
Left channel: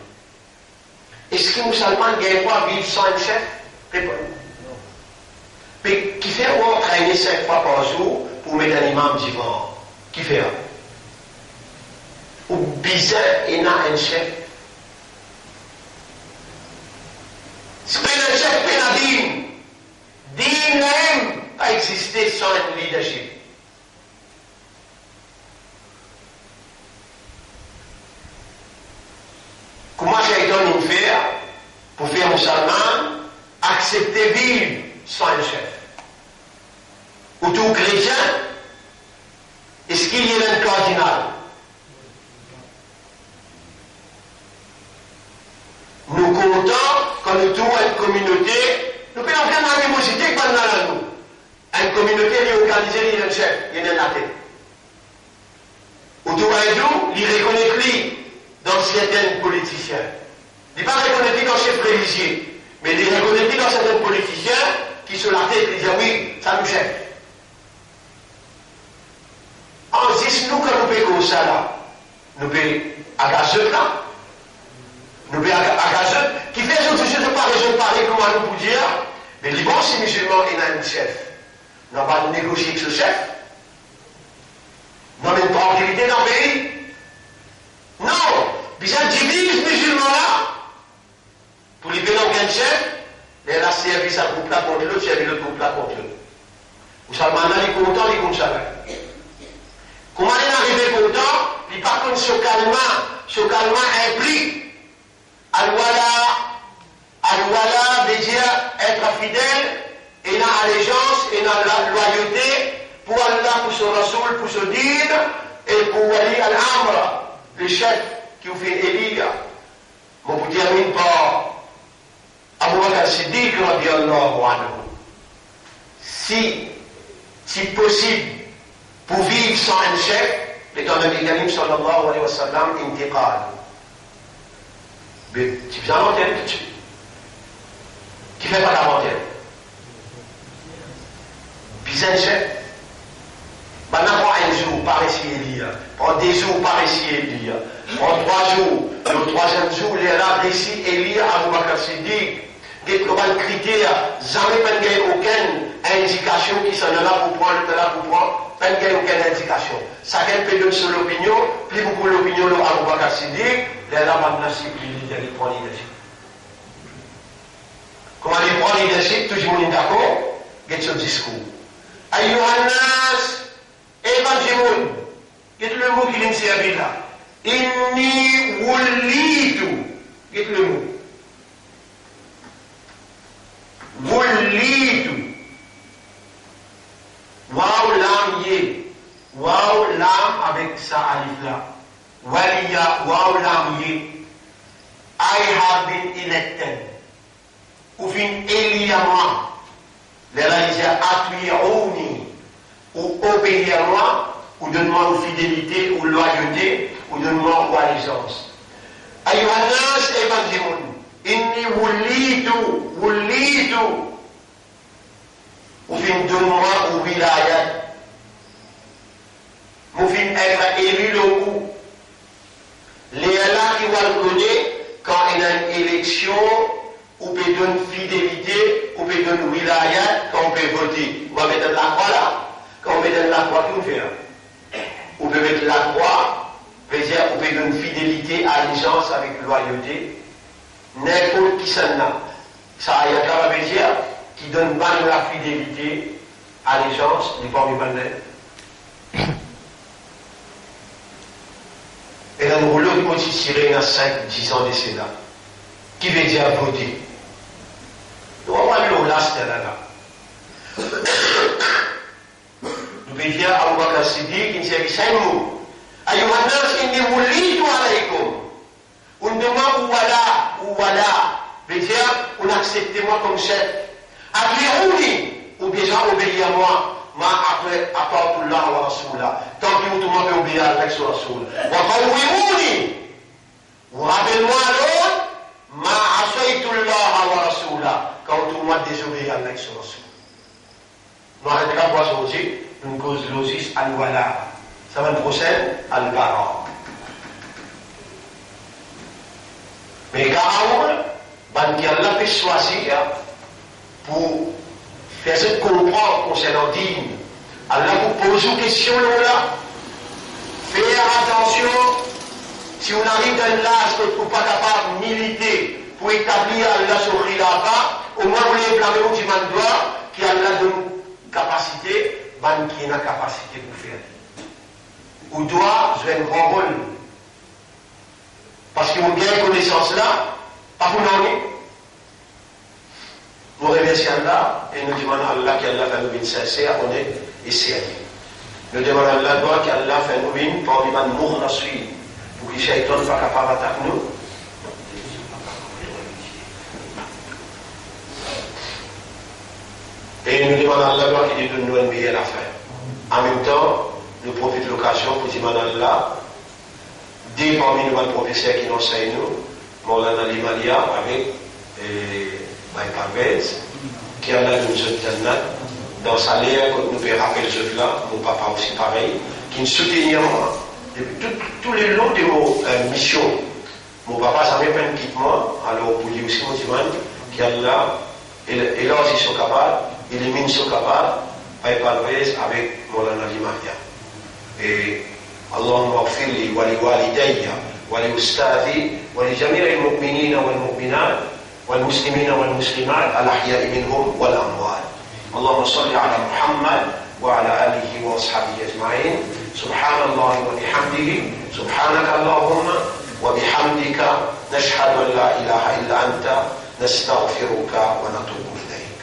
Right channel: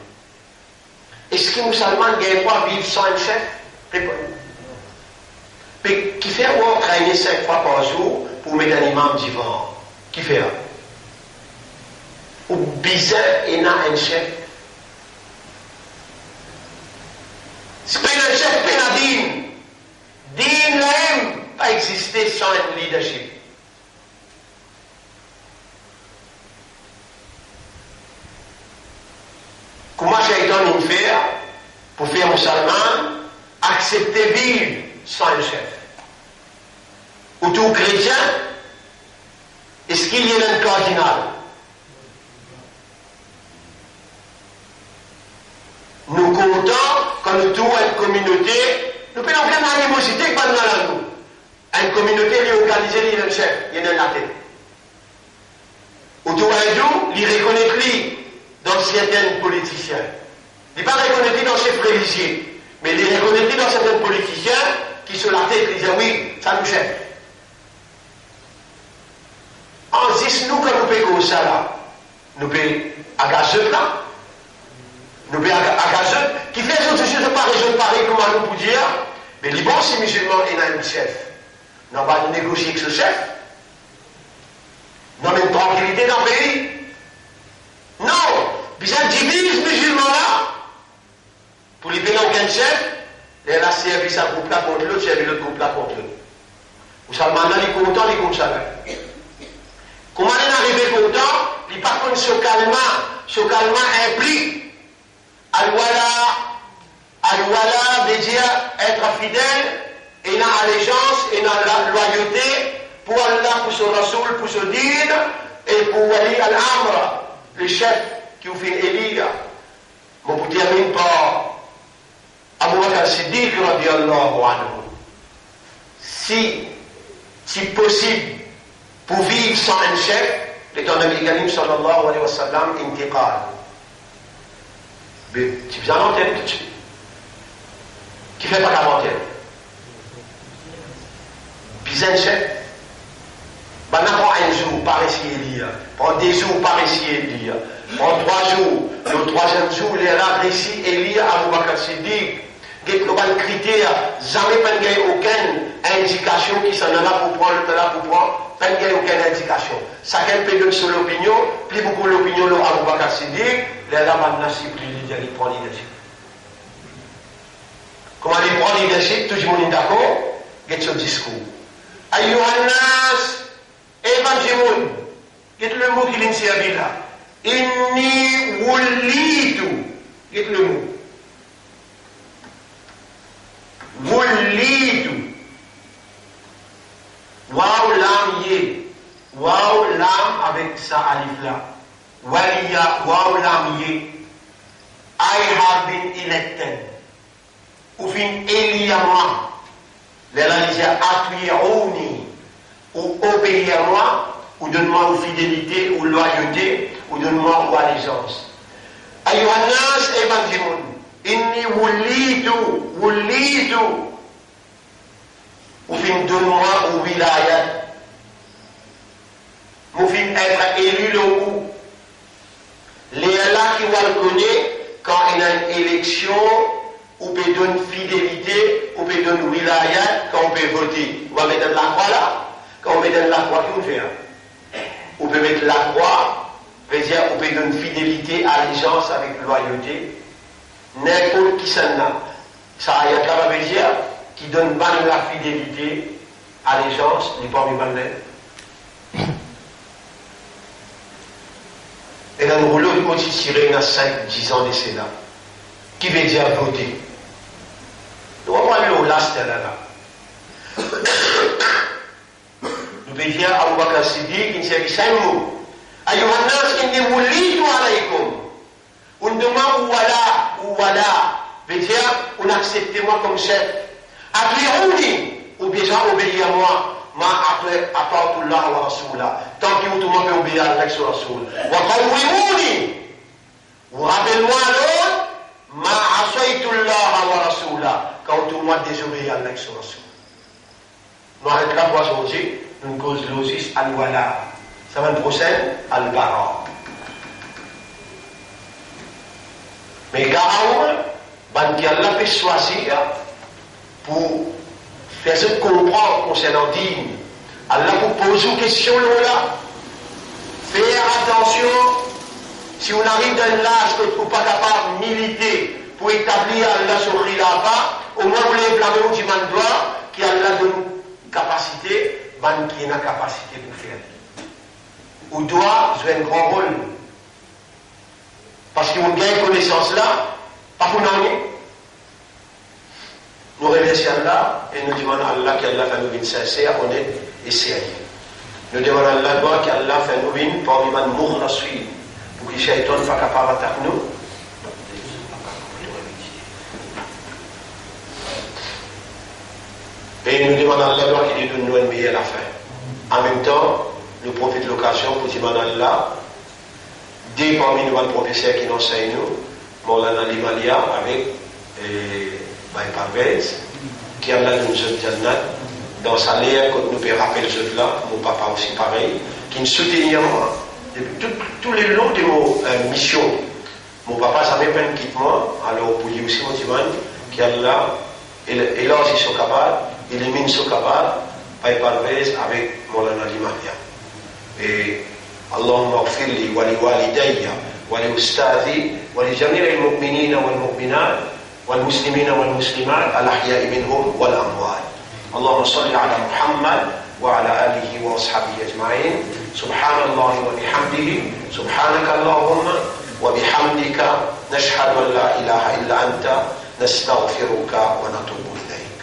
Est-ce que les musulmans ne pas vivre sans un chef? Mais qui fait ou entraîner 5 fois par jour pour mettre un imam divin? Qui fait? Ou bizarre et n'a un chef? C'est pas un chef qui n'a dit. Din même pas exister sans un leadership. Comment j'ai donné une faire pour faire musulman accepter vivre sans un chef? Ou tout chrétien, est-ce qu'il y a un cardinal? Nous comptons quand nous trouvons une communauté, nous payons aucune animosité pendant nous. Une communauté qui est organisée, il y a un chef, il y a un latin. Ou tout nous, il reconnaît lui dans certains politiciens. Il n'est pas reconnaît dans chef religieux, mais il est reconnaît dans certains politiciens qui sont la tête, qui disent oui, ça nous chef. En 10, nous, quand nous payons comme ça là, nous payons à gazeux là, nous payons à gazeux, qui fait autre chose de pareil, je pareil, comment nous pouvons dire, mais les bons, si musulmans, il y a un chef. Nous va nous négocier avec ce chef. Nous avons une tranquillité dans le pays. Non, bien divise musulmans là, pour les payer aucun chef, et elle a servi sa groupe là contre l'autre, servi l'autre groupe là contre l'autre. Vous savez, maintenant, il est content, il est comme ça. Comment il est arrivé content? Il par contre ce calmant implique Al-Wala veut dire être fidèle et dans allégeance et dans la loyauté pour Allah, pour son Rasoul, pour son dîne et pour Wali al-Amr, le chef qui vous fait élire. Mon vous termine par Abu Bakr Siddiq radiallahu anhu. Si possible, pour vivre sans un chef, l'étant Nabi Karim sallallahu alayhi wa sallam, intiqal. Mais tu viens l'antenne tout de suite. Qui fait pas la montagne? Puis un chef. Ben, n'importe un jour, par ici et lire. Pendant 2 jours, par ici et lire. Pendant 3 jours, le 3e jour, il est là, ici et lire Abu Bakr Siddiq. Des critères, jamais pas de aucune indication qui s'en est là pour prendre, pas de aucune indication. Chacun peut donner son opinion, plus beaucoup l'opinion de Abu Bakr Siddiq, les là maintenant, il prend leadership. Comment il prend leadership, tout le monde est d'accord, il y a son discours. Ayyuhannas, évangélion, il y a le mot qui est servi là. Inni wulitu, il y a le mot. Wulitu. Waouh lam yé. Waouh lam avec sa alif là. Waliya waouh lam yé. I have been elected. Ou fin Eliama. Les là disent atuyuni. Ou obéir à moi. Ou donne-moi une fidélité ou loyauté. Ou donne-moi une allégeance. Ayyuhannas évangélion. Inni wulitu. Ou fin donne-moi ou wilayat. Ou fin être élu le coup. Les là qui va le connaître quand il y a une élection, ou peut donner fidélité, ou peut donner wilayat, quand on peut voter. On va mettre la croix là. Quand on met la croix, tout fait. On peut mettre la croix, veut dire on peut donner fidélité, allégeance avec loyauté. N'importe qui s'en a. Ça y a là, veut dire qui donne pas la fidélité, allégeance, n'est pas mis mal. Et dans le rouleau, il aussi tiré dans 5-10 ans de cela. Qui veut dire voter? Nous allons aller au last là. Nous veut dire Abu Bakr Siddiq, qui ne servait 5 mots. Ayyuhannas inni wulitu alaykum. On demande ou voilà. Veut dire, on accepte moi comme chef. Atli'ouni, ou bien j'ai obéi à moi, ma après, à part tout là, wa Rasoula. Tant que tout le monde peut obéir à l'ex Rasoul. Wa qawwi'uni. Ou rappelle-moi l'autre, ma asaytullah wa Rasoula. Quand tout le monde désobéit à l'ex Rasoul. Nous arrêtons la voix aujourd'hui, une cause l'osis al-wala. Ça va procède al-bara. Mais Garaoul, qui Allah peut choisir pour faire ce comprendre concernant dîme. Allah vous pose une question là. Faites attention, si on arrive dans l'âge que vous n'êtes pas capable de militer pour établir Allah sur Khilafah, au moins vous les blâmez du mandoir qui a Allah donne capacité, qui a la capacité pour faire. Ou doit jouer un grand rôle. Parce qu'on gagne connaissance là, pas pour nous. Nous remercions Allah et nous demandons à Allah qu'Allah fait nous une sincère, honnête et sérieux. Nous demandons à Allah qu'Allah fait nous une parmi les mours la suite pour que les shaytans ne soient pas capables d'attaquer nous. Et nous demandons à Allah qu'il nous donne une meilleure fin. En même temps, nous profitons de l'occasion pour demander à Allah, des parmi nous, les professeurs qui nous enseignent nous, Maulana Limalia avec Baye Parvez, qui a là nous autres dans sa l'air, quand nous pouvons rappeler ceux là, mon papa aussi pareil, qui nous soutient depuis tous les longs de nos missions. Mon papa, ça m'a pas quitte moi, alors pour lui aussi, mon dimanche, qui a là, et là aussi sur Kabal, il est mis sur Kabal, Baye Parvez avec Maulana Limalia. Et اللهم اغفر لي ولوالدي ولأستاذي ولجميع المؤمنين والمؤمنات والمسلمين والمسلمات الأحياء منهم والأموات. اللهم صل على محمد وعلى آله وأصحابه أجمعين. سبحان الله وبحمده سبحانك اللهم وبحمدك نشهد أن لا إله إلا أنت نستغفرك ونتوب إليك.